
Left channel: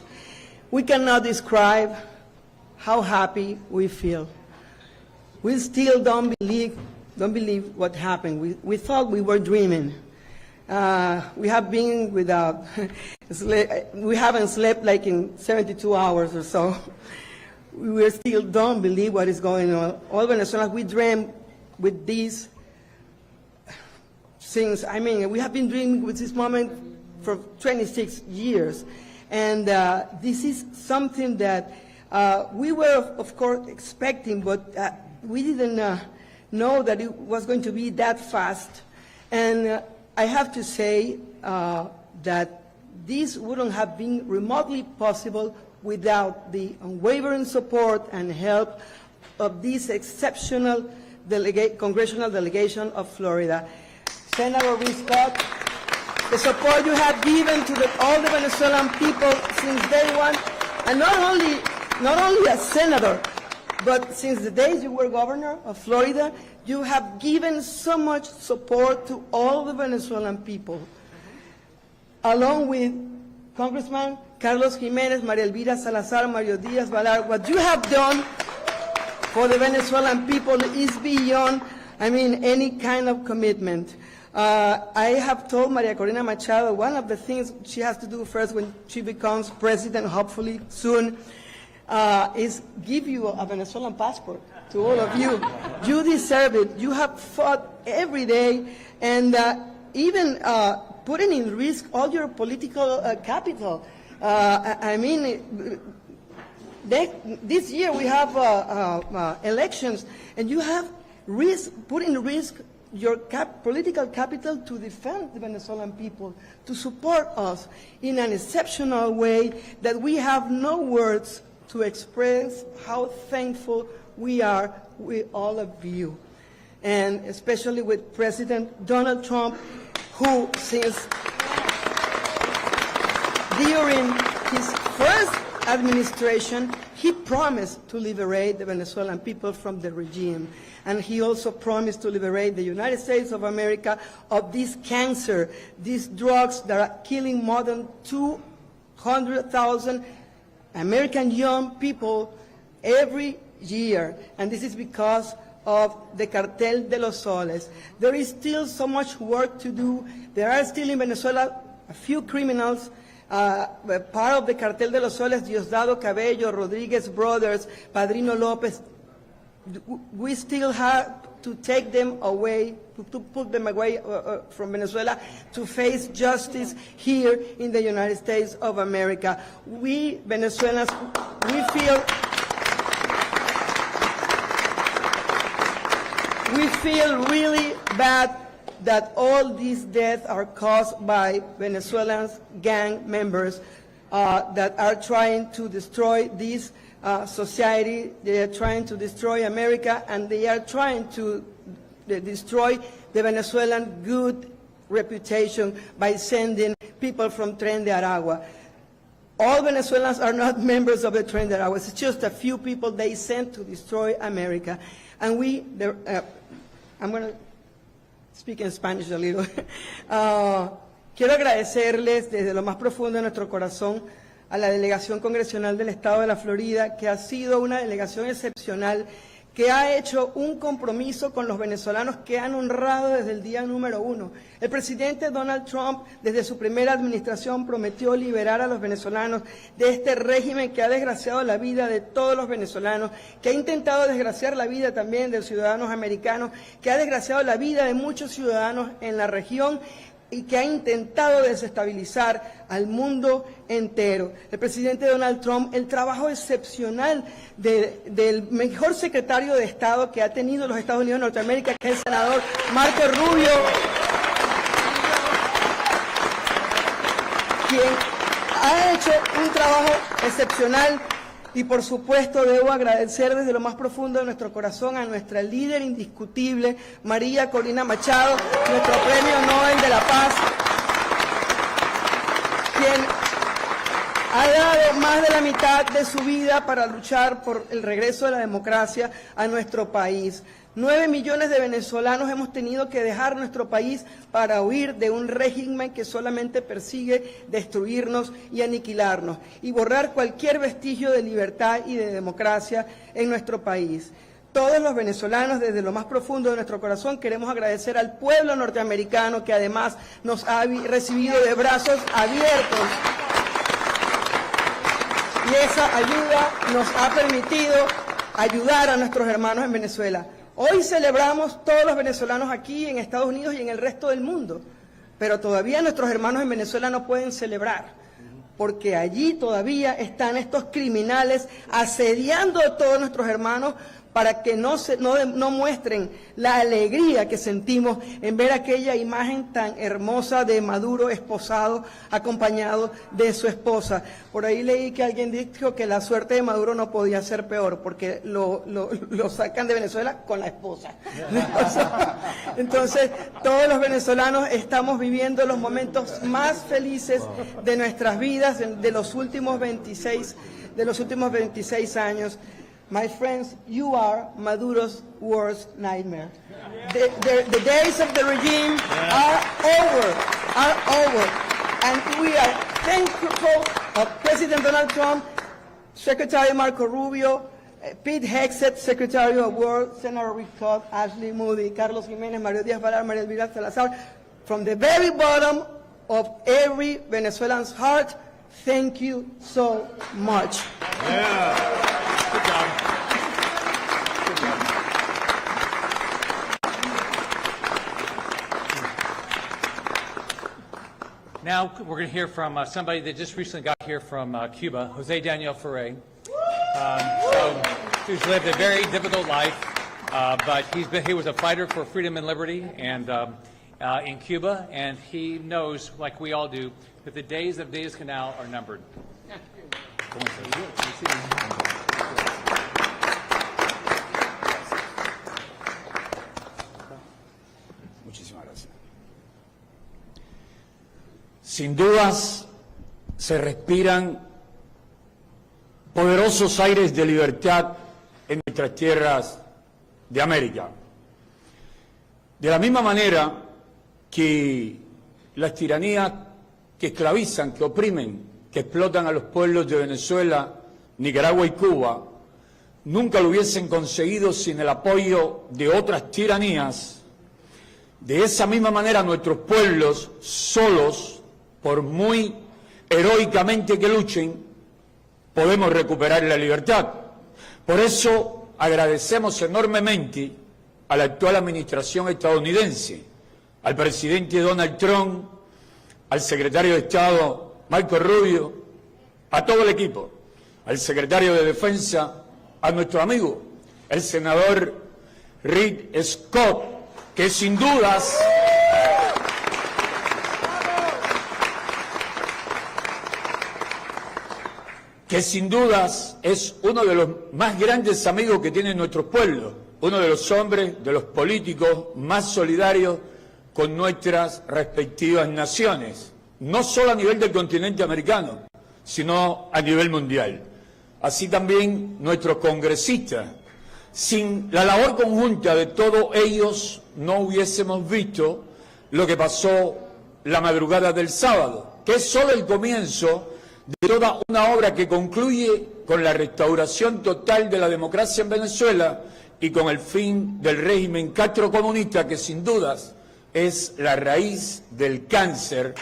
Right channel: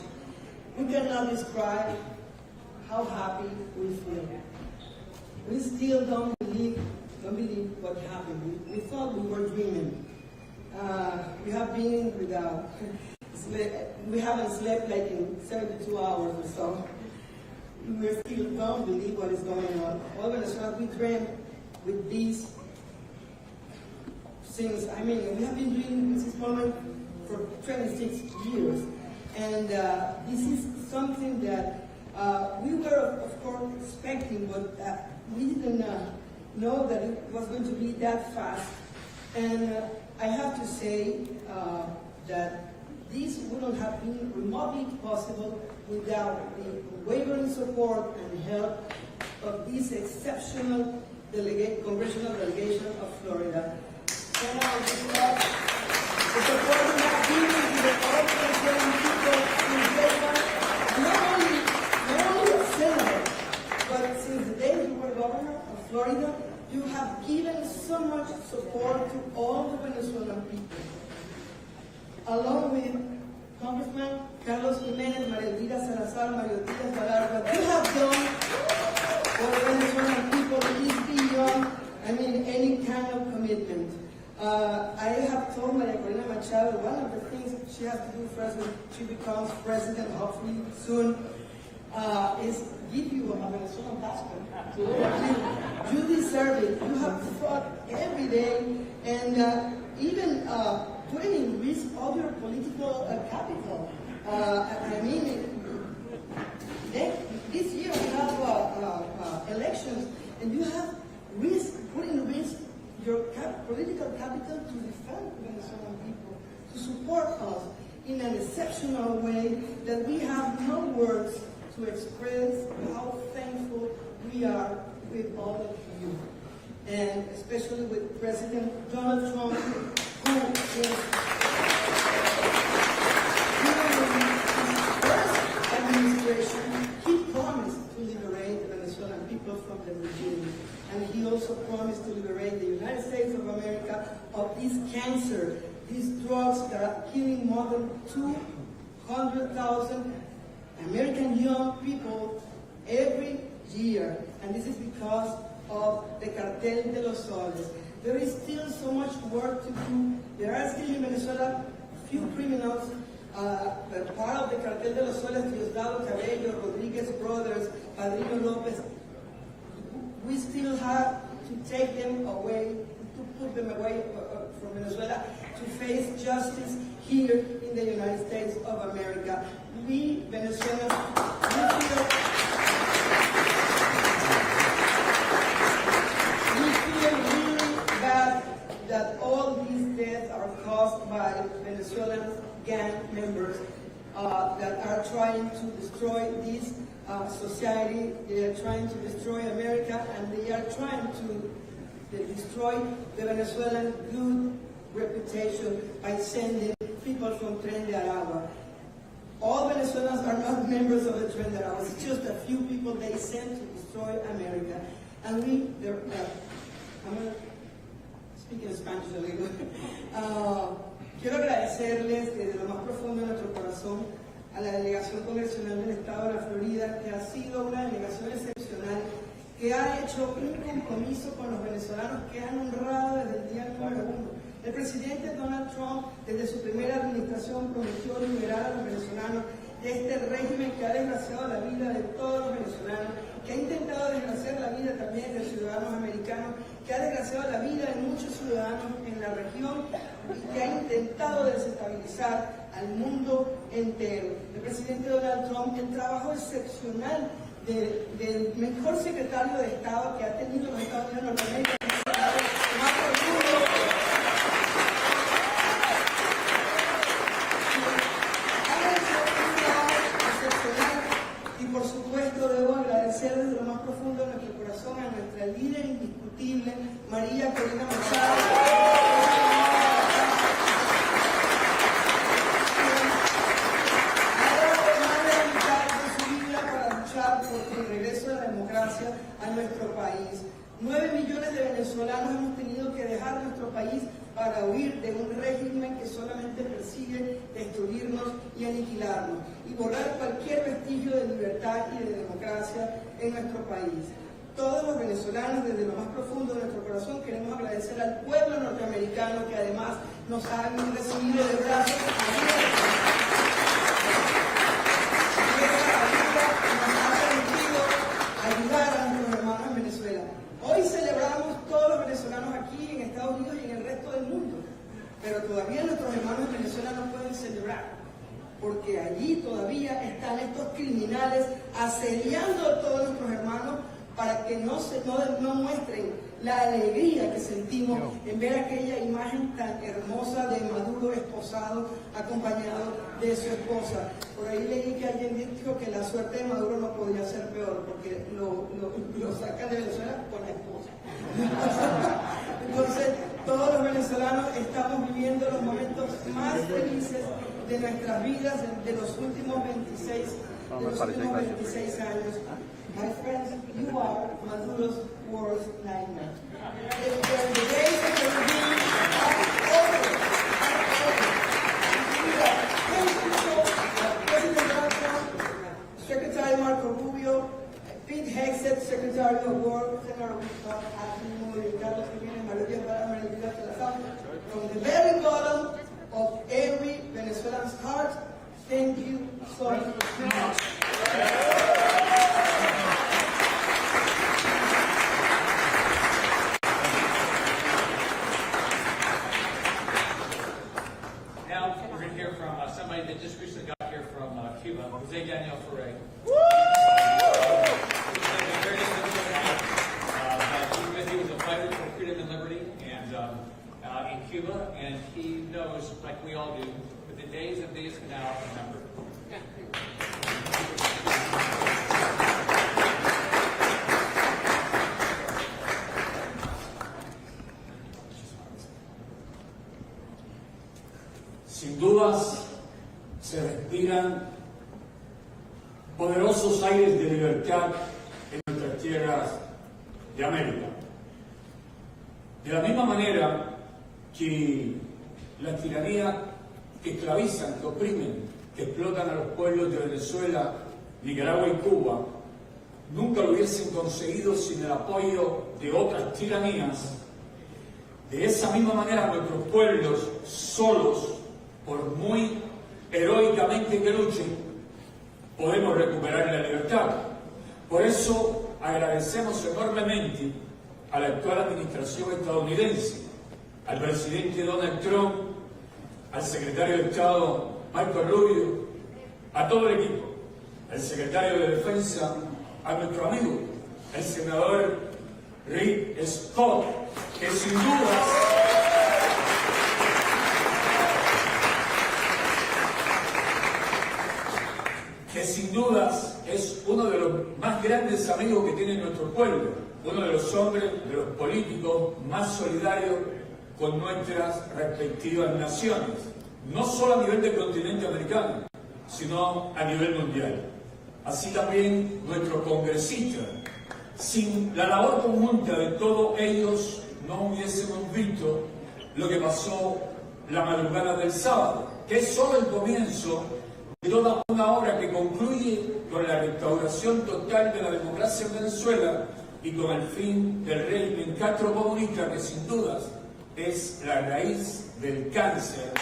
We cannot describe how happy we feel. We still don't believe what happened. We thought we were dreaming. We have been without we haven't slept like in 72 hours or so. We still don't believe what is going on. All Venezuelans, we dream with these things. I mean, we have been dreaming with this moment for 26 years. And this is something that we were, of course, expecting, but we didn't know that it was going to be that fast. And I have to say that this wouldn't have been remotely possible without the unwavering support and help of this exceptional congressional delegation of Florida. Senator Scott, the support you have given to all the Venezuelan people since day one, and not only as senator, but since the days you were governor of Florida, you have given so much support to all the Venezuelan people. Along with Congressman Carlos Jimenez, María Elvira Salazar, Mario Díaz Balart, what you have done for the Venezuelan people is beyond, any kind of commitment. I have told Maria Corina Machado one of the things she has to do first when she becomes president, hopefully soon, is give you a Venezuelan passport to all of you. You deserve it. You have fought every day and even putting in risk all your political capital. This year we have elections, and you have put in risk your political capital to defend the Venezuelan people, to support us in an exceptional way that we have no words to express how thankful we are with all of you. And especially with President Donald Trump, who since during his first administration, he promised to liberate the Venezuelan people from the regime. And he also promised to liberate the United States of America of this cancer, these drugs that are killing more than 200,000 American young people every year. And this is because of the Cartel de los Soles. There is still so much work to do. There are still in Venezuela a few criminals, part of the Cartel de los Soles, Diosdado Cabello, Rodriguez Brothers, Padrino Lopez. We still have to take them away, to put them away from Venezuela to face justice here in the United States of America. We Venezuelans, we feel really bad that all these deaths are caused by Venezuelans, gang members that are trying to destroy this society. They are trying to destroy America, and they are trying to destroy the Venezuelan good reputation by sending people from Tren de Aragua. All Venezuelans are not members of the Tren de Aragua. It's just a few people they sent to destroy America. And I'm going to speak in Spanish a little. Quiero agradecerles desde lo más profundo de nuestro corazón a la delegación congresional del Estado de la Florida, que ha sido una delegación excepcional, que ha hecho un compromiso con los venezolanos que han honrado desde el día número 1. El presidente Donald Trump, desde su primera administración, prometió liberar a los venezolanos de este régimen que ha desgraciado la vida de todos los venezolanos, que ha intentado desgraciar la vida también de los ciudadanos americanos, que ha desgraciado la vida de muchos ciudadanos en la región y que ha intentado desestabilizar al mundo entero. El presidente Donald Trump, el trabajo excepcional del mejor secretario de Estado que ha tenido los Estados Unidos de Norteamérica, que es el senador Marco Rubio, quien ha hecho un trabajo excepcional. Y por supuesto debo agradecer desde lo más profundo de nuestro corazón a nuestra líder indiscutible, María Corina Machado, nuestro Premio Nobel de la Paz, quien ha dado más de la mitad de su vida para luchar por el regreso de la democracia a nuestro país. 9 millones de venezolanos hemos tenido que dejar nuestro país para huir de un régimen que solamente persigue destruirnos y aniquilarnos y borrar cualquier vestigio de libertad y de democracia en nuestro país. Todos los venezolanos, desde lo más profundo de nuestro corazón, queremos agradecer al pueblo norteamericano que además nos ha recibido de brazos abiertos. Y esa ayuda nos ha permitido ayudar a nuestros hermanos en Venezuela. Hoy celebramos todos los venezolanos aquí en Estados Unidos y en el resto del mundo, pero todavía nuestros hermanos en Venezuela no pueden celebrar, porque allí todavía están estos criminales asediando a todos nuestros hermanos para que no muestren la alegría que sentimos en ver aquella imagen tan hermosa de Maduro esposado, acompañado de su esposa. Por ahí leí que alguien dijo que la suerte de Maduro no podía ser peor, porque lo sacan de Venezuela con la esposa. Entonces, todos los venezolanos estamos viviendo los momentos más felices de nuestras vidas, de los últimos 26 años. My friends, you are Maduro's worst nightmare. The days of the regime are over. And we are thankful that President Donald Trump, Secretary Marco Rubio, Pete Hegseth, Secretary of War, Senator Rick Scott, Ashley Moody, Carlos Jiménez, Mario Díaz-Balart, María Elvira Salazar, from the very bottom of every Venezuelan's heart, thank you so much. Now we're going to hear from somebody that just recently got here from Cuba, Jose Daniel Ferrer, who's lived a very difficult life, but he was a fighter for freedom and liberty and in Cuba, and he knows, like we all do, that the days of Diaz-Canal are numbered. Sin dudas, se respiran poderosos aires de libertad en nuestras tierras de América. De la misma manera que las tiranías que esclavizan, que oprimen, que explotan a los pueblos de Venezuela, Nicaragua y Cuba, nunca lo hubiesen conseguido sin el apoyo de otras tiranías. De esa misma manera nuestros pueblos solos, por muy heroicamente que luchen, podemos recuperar la libertad. Por eso agradecemos enormemente a la actual administración estadounidense, al presidente Donald Trump, al secretario de Estado Marco Rubio, a todo el equipo, al secretario de Defensa, a nuestro amigo, el senador Rick Scott, que sin dudas es uno de los más grandes amigos que tiene nuestro pueblo, uno de los hombres, de los políticos más solidarios con nuestras respectivas naciones, no solo a nivel del continente americano, sino a nivel mundial. Así también nuestros congresistas. Sin la labor conjunta de todos ellos no hubiésemos visto lo que pasó la madrugada del sábado, que es solo el comienzo de toda una obra que concluye con la restauración total de la democracia en Venezuela y con el fin del régimen castrocomunista, que sin dudas es la raíz del cáncer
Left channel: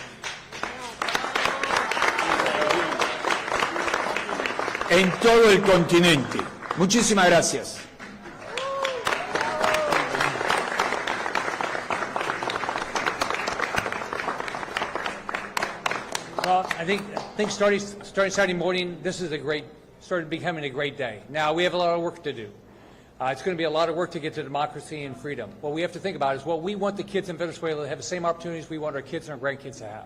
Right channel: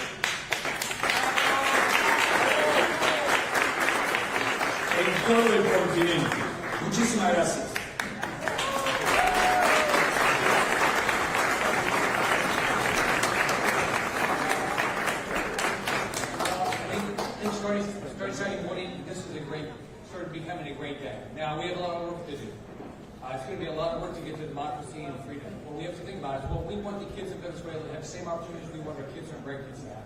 en todo el continente. Muchísimas gracias. Well, I think starting Saturday morning, this is started becoming a great day. Now, we have a lot of work to do. It's going to be a lot of work to get to democracy and freedom. What we have to think about is, well, we want the kids in Venezuela to have the same opportunities we want our kids and our grandkids to have.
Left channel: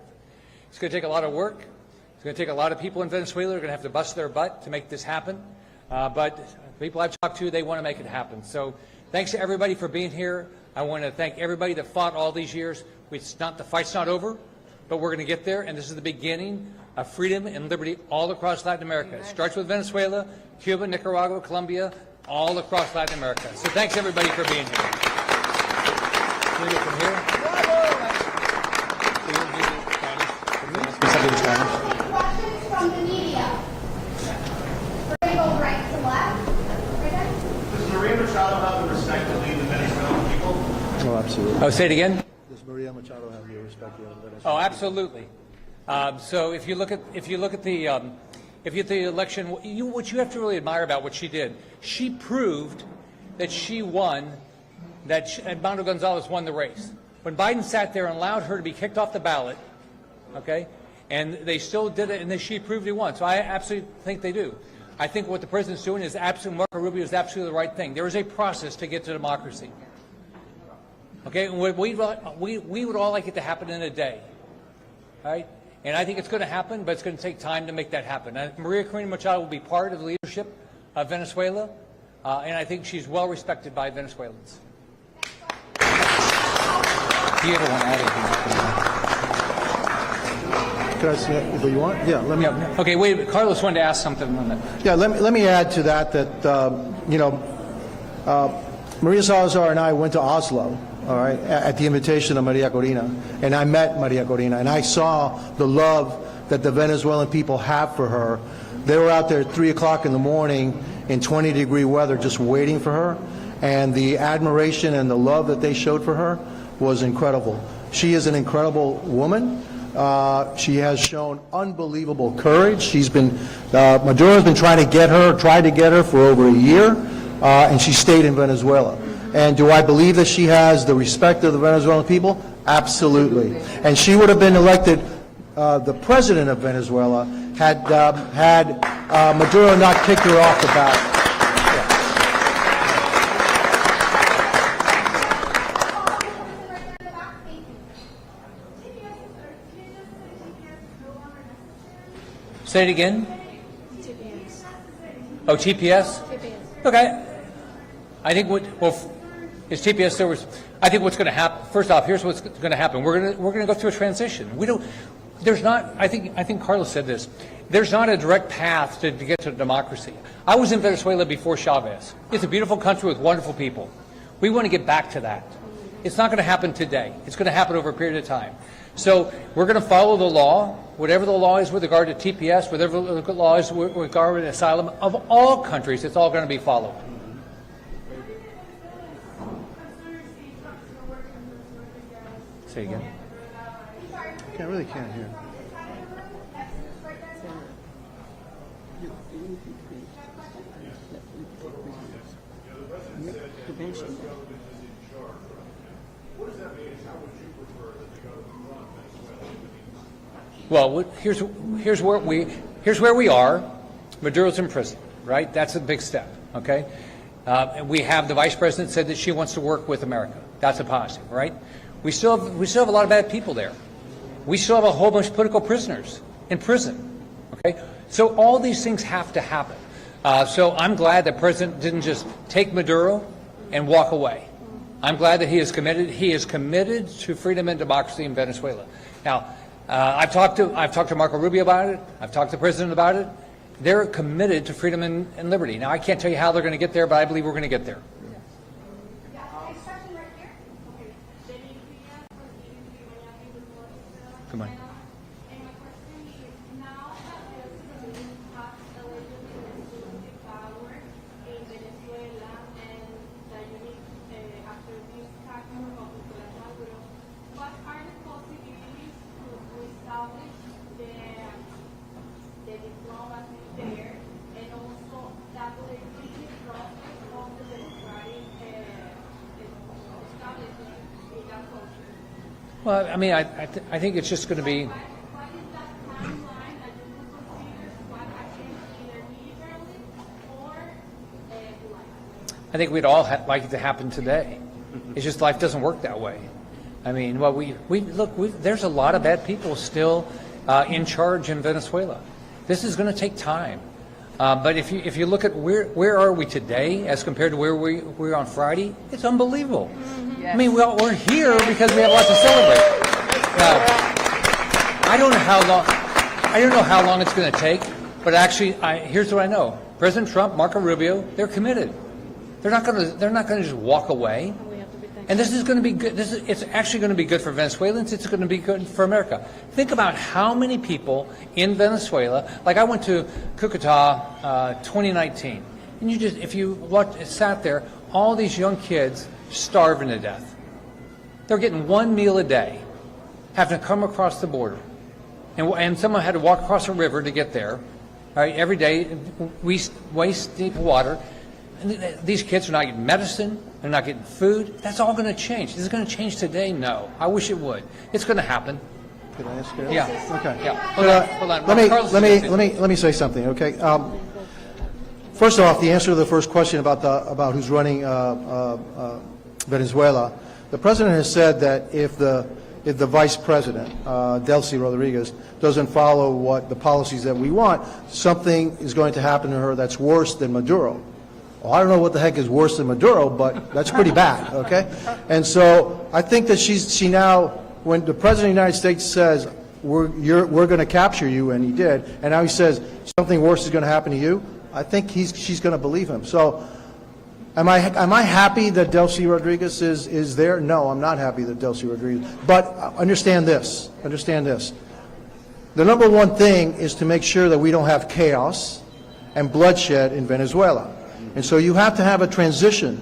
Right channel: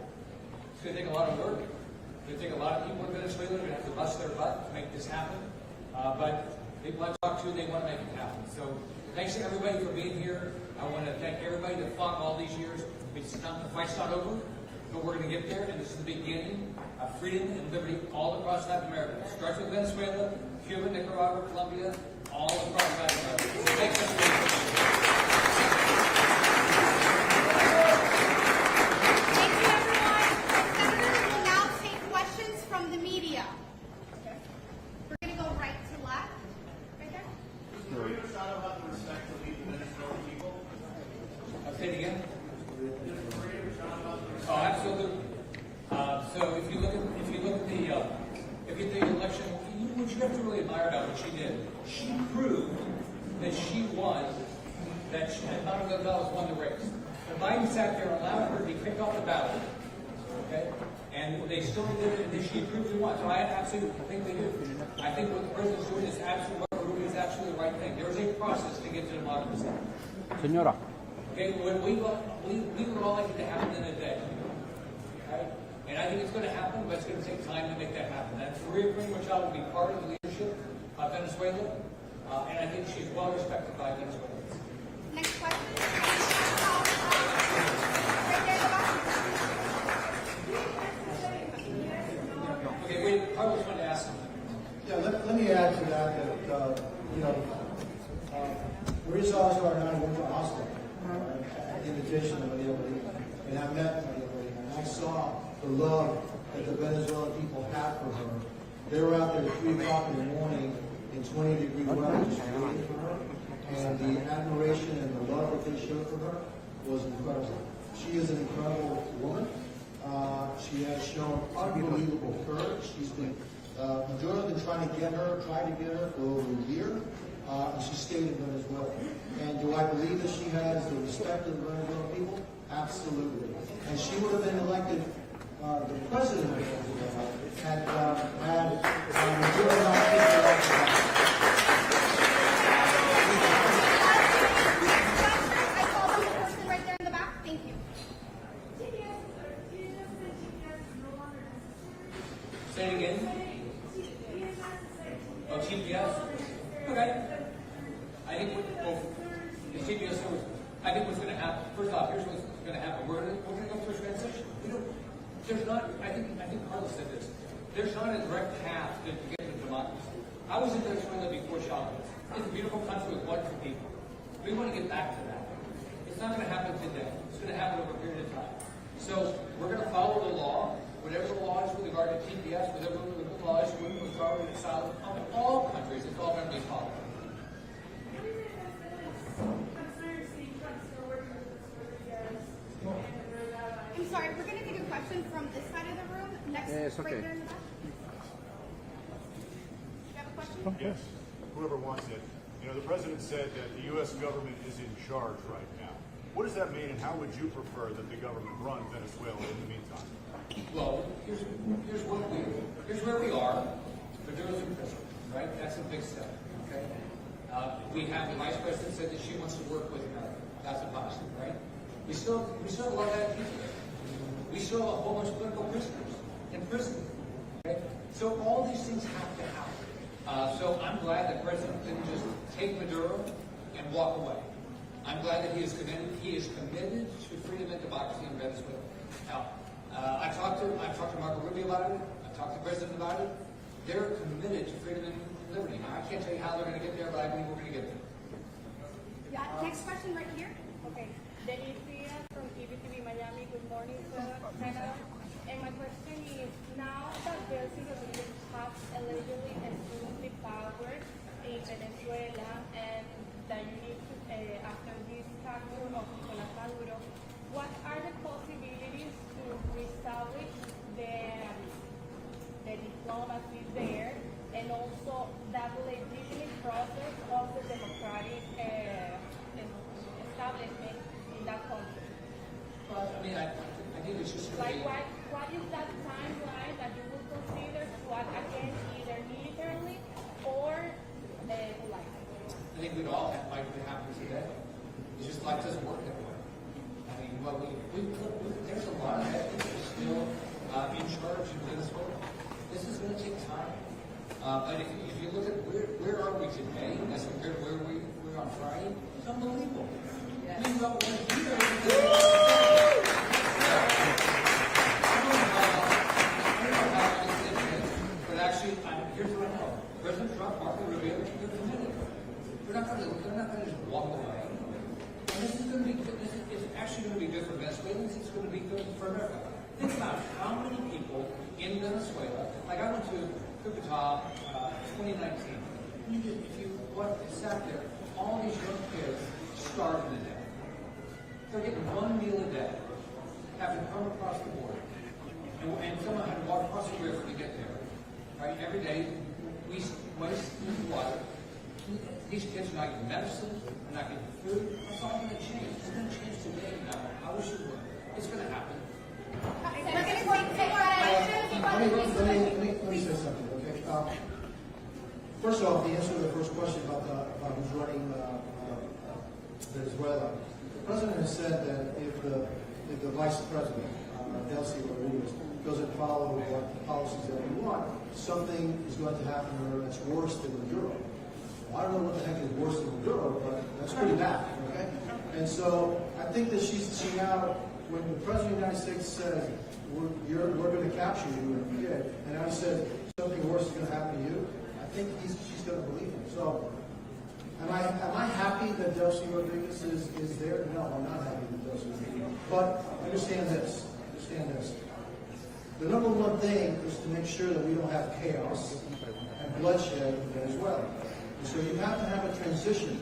It's going to take a lot of work. It's going to take a lot of people in Venezuela who are going to have to bust their butt to make this happen. But people I've talked to, they want to make it happen. So thanks to everybody for being here. I want to thank everybody that fought all these years. The fight's not over, but we're going to get there, and this is the beginning of freedom and liberty all across Latin America. It starts with Venezuela, Cuba, Nicaragua, Colombia, all across Latin America. So thanks everybody for being here. Questions from the media. We're going to go right to left. Right there. Does Maria Machado have the respect to lead the Venezuelan people? Oh, absolutely. Oh, say it again. Does Maria Machado have the respect of the Oh, absolutely. So if you look at the election, what you have to really admire about what she did, she proved that she won, and Manuel Gonzalez won the race. When Biden sat there and allowed her to be kicked off the ballot, okay, and they still did it, and then she proved he won. So I absolutely think they do. I think what the president's doing is absolutely, Marco Rubio is absolutely the right thing. There is a process to get to democracy. Señora. Okay, we would all like it to happen in a day, right? And I think it's going to happen, but it's going to take time to make that happen. And Maria Corina Machado will be part of the leadership of Venezuela, and I think she's well respected by Venezuelans. Next question. You don't want to add anything. Can I say it? Do you want? Yeah, let me. Yeah. Okay, wait. Carlos wanted to ask something on that. Yeah, let me add to that Maria Salazar and I went to Oslo, all right, at the invitation of Maria Corina, and I met Maria Corina, and I saw the love that the Venezuelan people have for her. They were out there at 3 o'clock in the morning in 20-degree weather just waiting for her, and the admiration and the love that they showed for her was incredible. She is an incredible woman. She has shown unbelievable courage. Maduro's been tried to get her for over a year, and she stayed in Venezuela. And do I believe that she has the respect of the Venezuelan people? Absolutely. And she would have been elected the president of Venezuela had Maduro not kicked her off the ballot. Right there in the back. Thank you. Say it again. Oh, TPS? Okay. I think is TPS there was. I think what's going to happen. First off, here's what's going to happen. We're going to go through a transition. There's not. I think Carlos said this. There's not a direct path to get to democracy. I was in Venezuela before Chavez. It's a beautiful country with wonderful people. We want to get back to that. It's not going to happen today. It's going to happen over a period of time. So we're going to follow the law, whatever the law is with regard to TPS, whatever the law is with regard to asylum of all countries. It's all going to be followed. Say again. I'm sorry, we're going to really get a can't question hear. from this side of the room. Next it's okay. right there. You have a question? Whoever wants it. The president said that the U.S. government is in charge right now. What does that mean, and how would you prefer that the government run Venezuela in the meantime? Well, here's where we are. Maduro's in prison, right? That's a big step. Okay. And we have the vice president said that she wants to work with America. That's a positive, right? We still have a lot of bad people there. We still have a whole bunch of political prisoners in prison. Okay, so all these things have to happen. So I'm glad that President didn't just take Maduro and walk away. I'm glad that he is committed. He is committed to freedom and democracy in Venezuela. Now, I've talked to Marco Rubio about it. I've talked to the president about it. They're committed to freedom and liberty. Now, I can't tell you how they're going to get there, but I believe we're going to get there. Yeah, next question right here. Okay, Denise Villa from TVTV Miami. Good morning, Stella. Good morning. And my question is, now that there's a civilian has allegedly assumed the power in Venezuela, and Well, I mean, I think it's just going to be. What is that timeline that you would consider to act against either militarily or politically? I think we'd all like it to happen today. It's just life doesn't work that way. I mean, well, there's a lot of bad people still in charge in Venezuela. This is going to take time. But if you look at where are we today as compared to where we were on Friday, it's unbelievable. Yes. I mean, we're here because we have lots to celebrate. I don't know how long it's going to take, but actually, here's what I know: President Trump, Marco Rubio, they're committed. They're not going to just walk away. And this is going to be good. It's actually going to be good for Venezuelans. It's going to be good for America. Think about how many people in Venezuela. Like I went to Cucuta 2019, and if you sat there, all these young kids starving to death. They're getting one meal a day, having to come across the border, and someone had to walk across a river to get there. All right, every day, waist deep water. And these kids are not getting medicine. They're not getting food. That's all going to change. Is it going to change today? No. I wish it would. It's going to happen. Can I ask you? Yeah. Okay. Yeah. Hold on. Let me say something, okay? First off, the answer to the first question about who's running Venezuela, the president has said that if the vice president, Delcy Rodriguez, doesn't follow the policies that we want, something is going to happen to her that's worse than Maduro. Well, I don't know what the heck is worse than Maduro, but that's pretty bad, okay? And so I think that she now, when the President of the United States says, we're going to capture you, and he did, and now he says something worse is going to happen to you, I think she's going to believe him. So am I happy that Delcy Rodriguez is there? No, I'm not happy that Delcy Rodriguez. But understand this. The number one thing is to make sure that we don't have chaos and bloodshed in Venezuela. And so you have to have a transition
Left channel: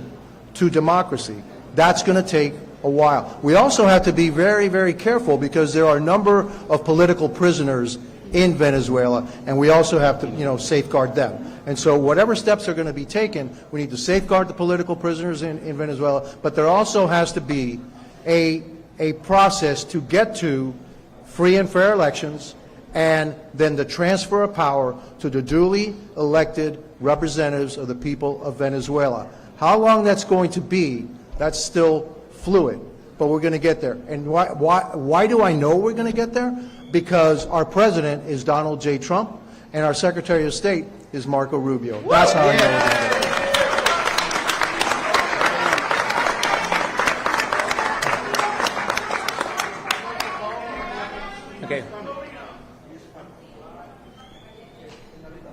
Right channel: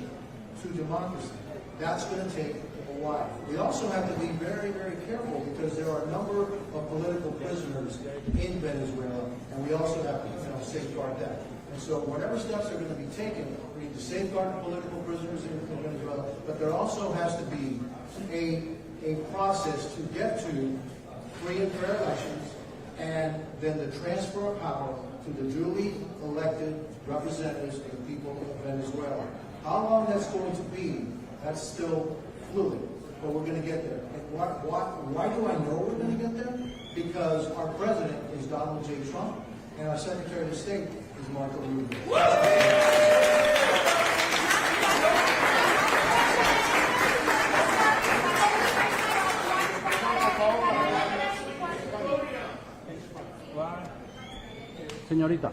to democracy. That's going to take a while. We also have to be very, very careful because there are a number of political prisoners in Venezuela, and we also have to, safeguard them. And so whatever steps are going to be taken, we need to safeguard the political prisoners in Venezuela, but there also has to be a process to get to free and fair elections and then the transfer of power to the duly elected representatives of the people of Venezuela. How long that's going to be, that's still fluid, but we're going to get there. And why do I know we're going to get there? Because our president is Donald J. Trump, and our Secretary of State is Marco Rubio. That's how I know we're going to get there. Okay. Señorita.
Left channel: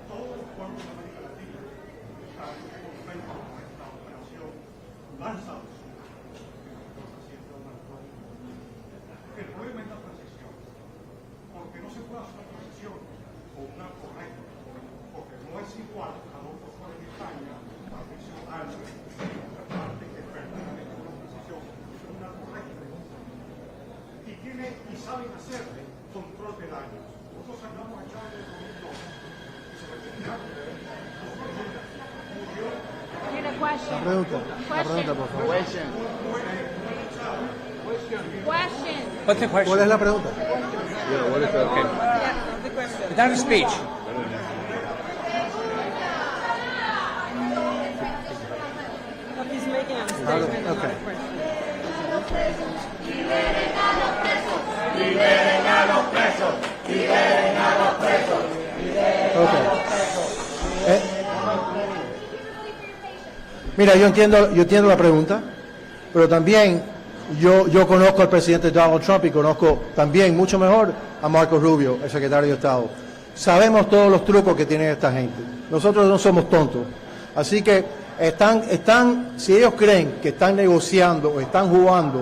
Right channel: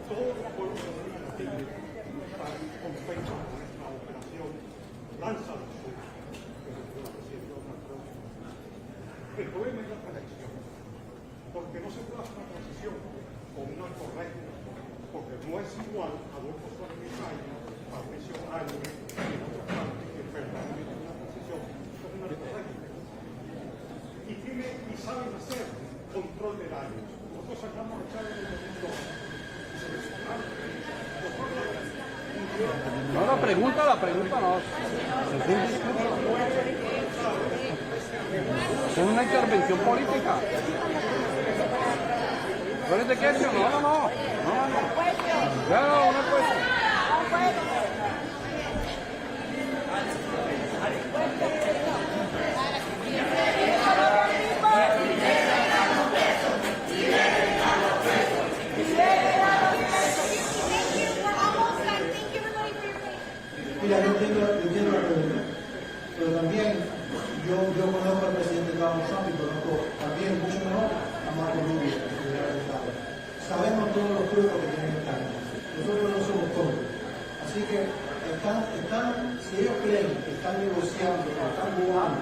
El problema es la transición, porque no se puede hacer una transición o una correcta, porque no es igual Adolfo Suárez de España, Patricio Álvarez, en otra parte, que verdaderamente una transición es una correcta. Y saben hacer control de daños. Nosotros hablamos de Chávez del 2002 y se resignaron de ahí. No, pregunta no. ¿Cuál es la pregunta? That's a speech. Mira, yo entiendo la pregunta, pero también yo conozco al presidente Donald Trump y conozco también mucho mejor a Marco Rubio, el secretario de Estado. Sabemos todos los trucos que tiene esta gente. Nosotros no somos tontos. Así que si ellos creen que están negociando o están jugando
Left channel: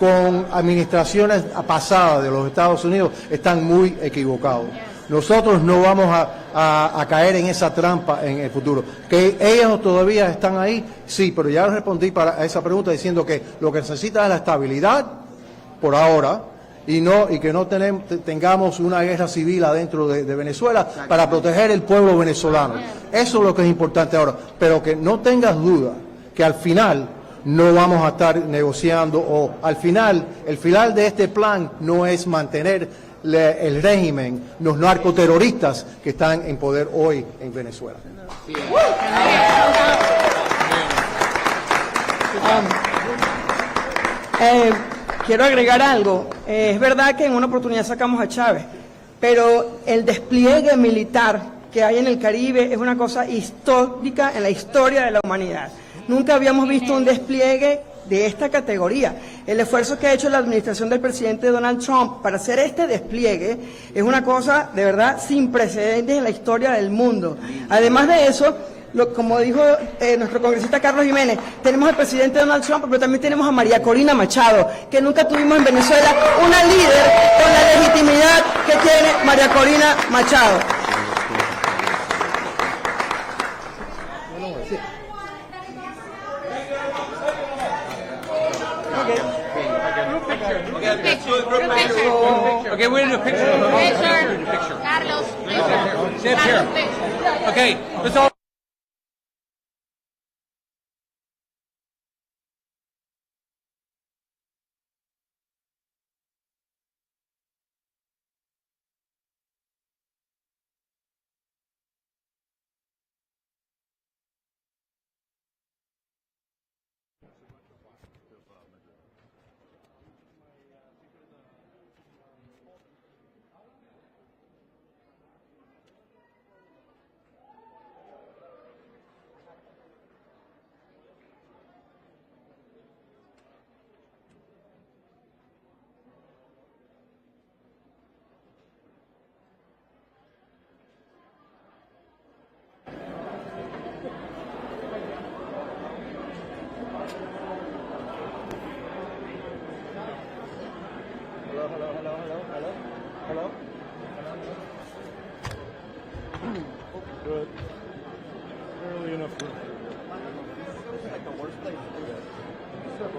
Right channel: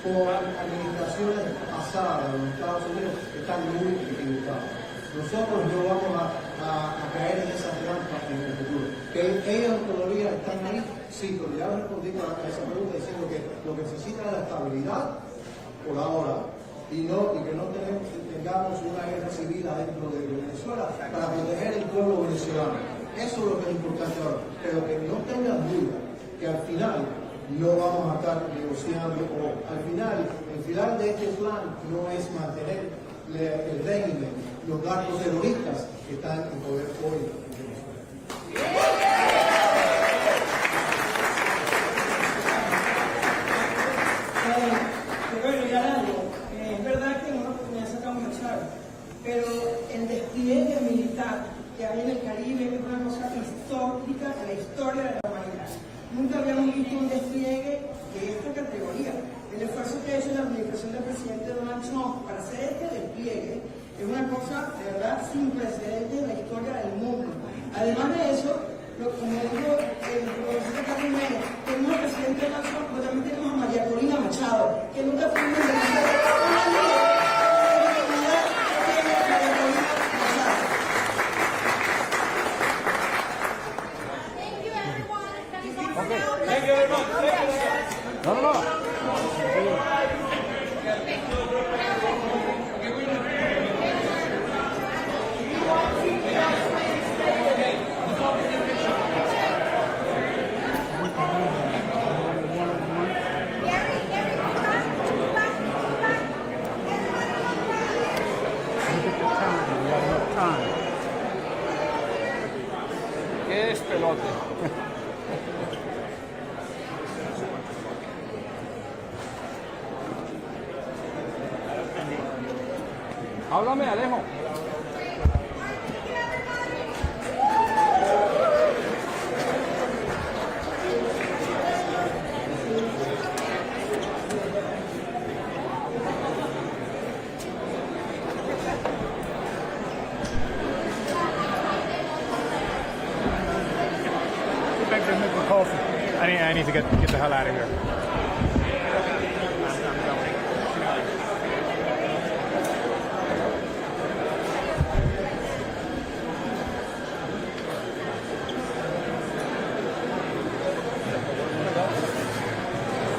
con administraciones pasadas de los Estados Unidos, están muy equivocados. Nosotros no vamos a caer en esa trampa en el futuro. ¿Que ellos todavía están ahí? Sí, pero ya respondí a esa pregunta diciendo que lo que necesita es la estabilidad por ahora y que no tengamos una guerra civil adentro de Venezuela para proteger el pueblo venezolano. Eso es lo que es importante ahora. Pero que no tengas duda que al final no vamos a estar negociando o al final, el final de este plan no es mantener el régimen, los narcoterroristas que están en poder hoy en Venezuela. Quiero agregar algo. Es verdad que en una oportunidad sacamos a Chávez, pero el despliegue militar que hay en el Caribe es una cosa histórica en la historia de la humanidad. Nunca habíamos visto un despliegue de esta categoría. El esfuerzo que ha hecho la administración del presidente Donald Trump para hacer este despliegue es una cosa de verdad sin precedentes en la historia del mundo. Además de eso, como dijo nuestro congresista Carlos Jiménez, tenemos al presidente Donald Trump, pero también tenemos a María Corina Machado, que nunca tuvimos en Venezuela una líder con la legitimidad que tiene María Corina Machado. Okay, we're gonna do a picture. Carlos, Stand here. Okay, let's all. ¿Qué es pelote? Háblame, Alejo. I need to get the hell out of here.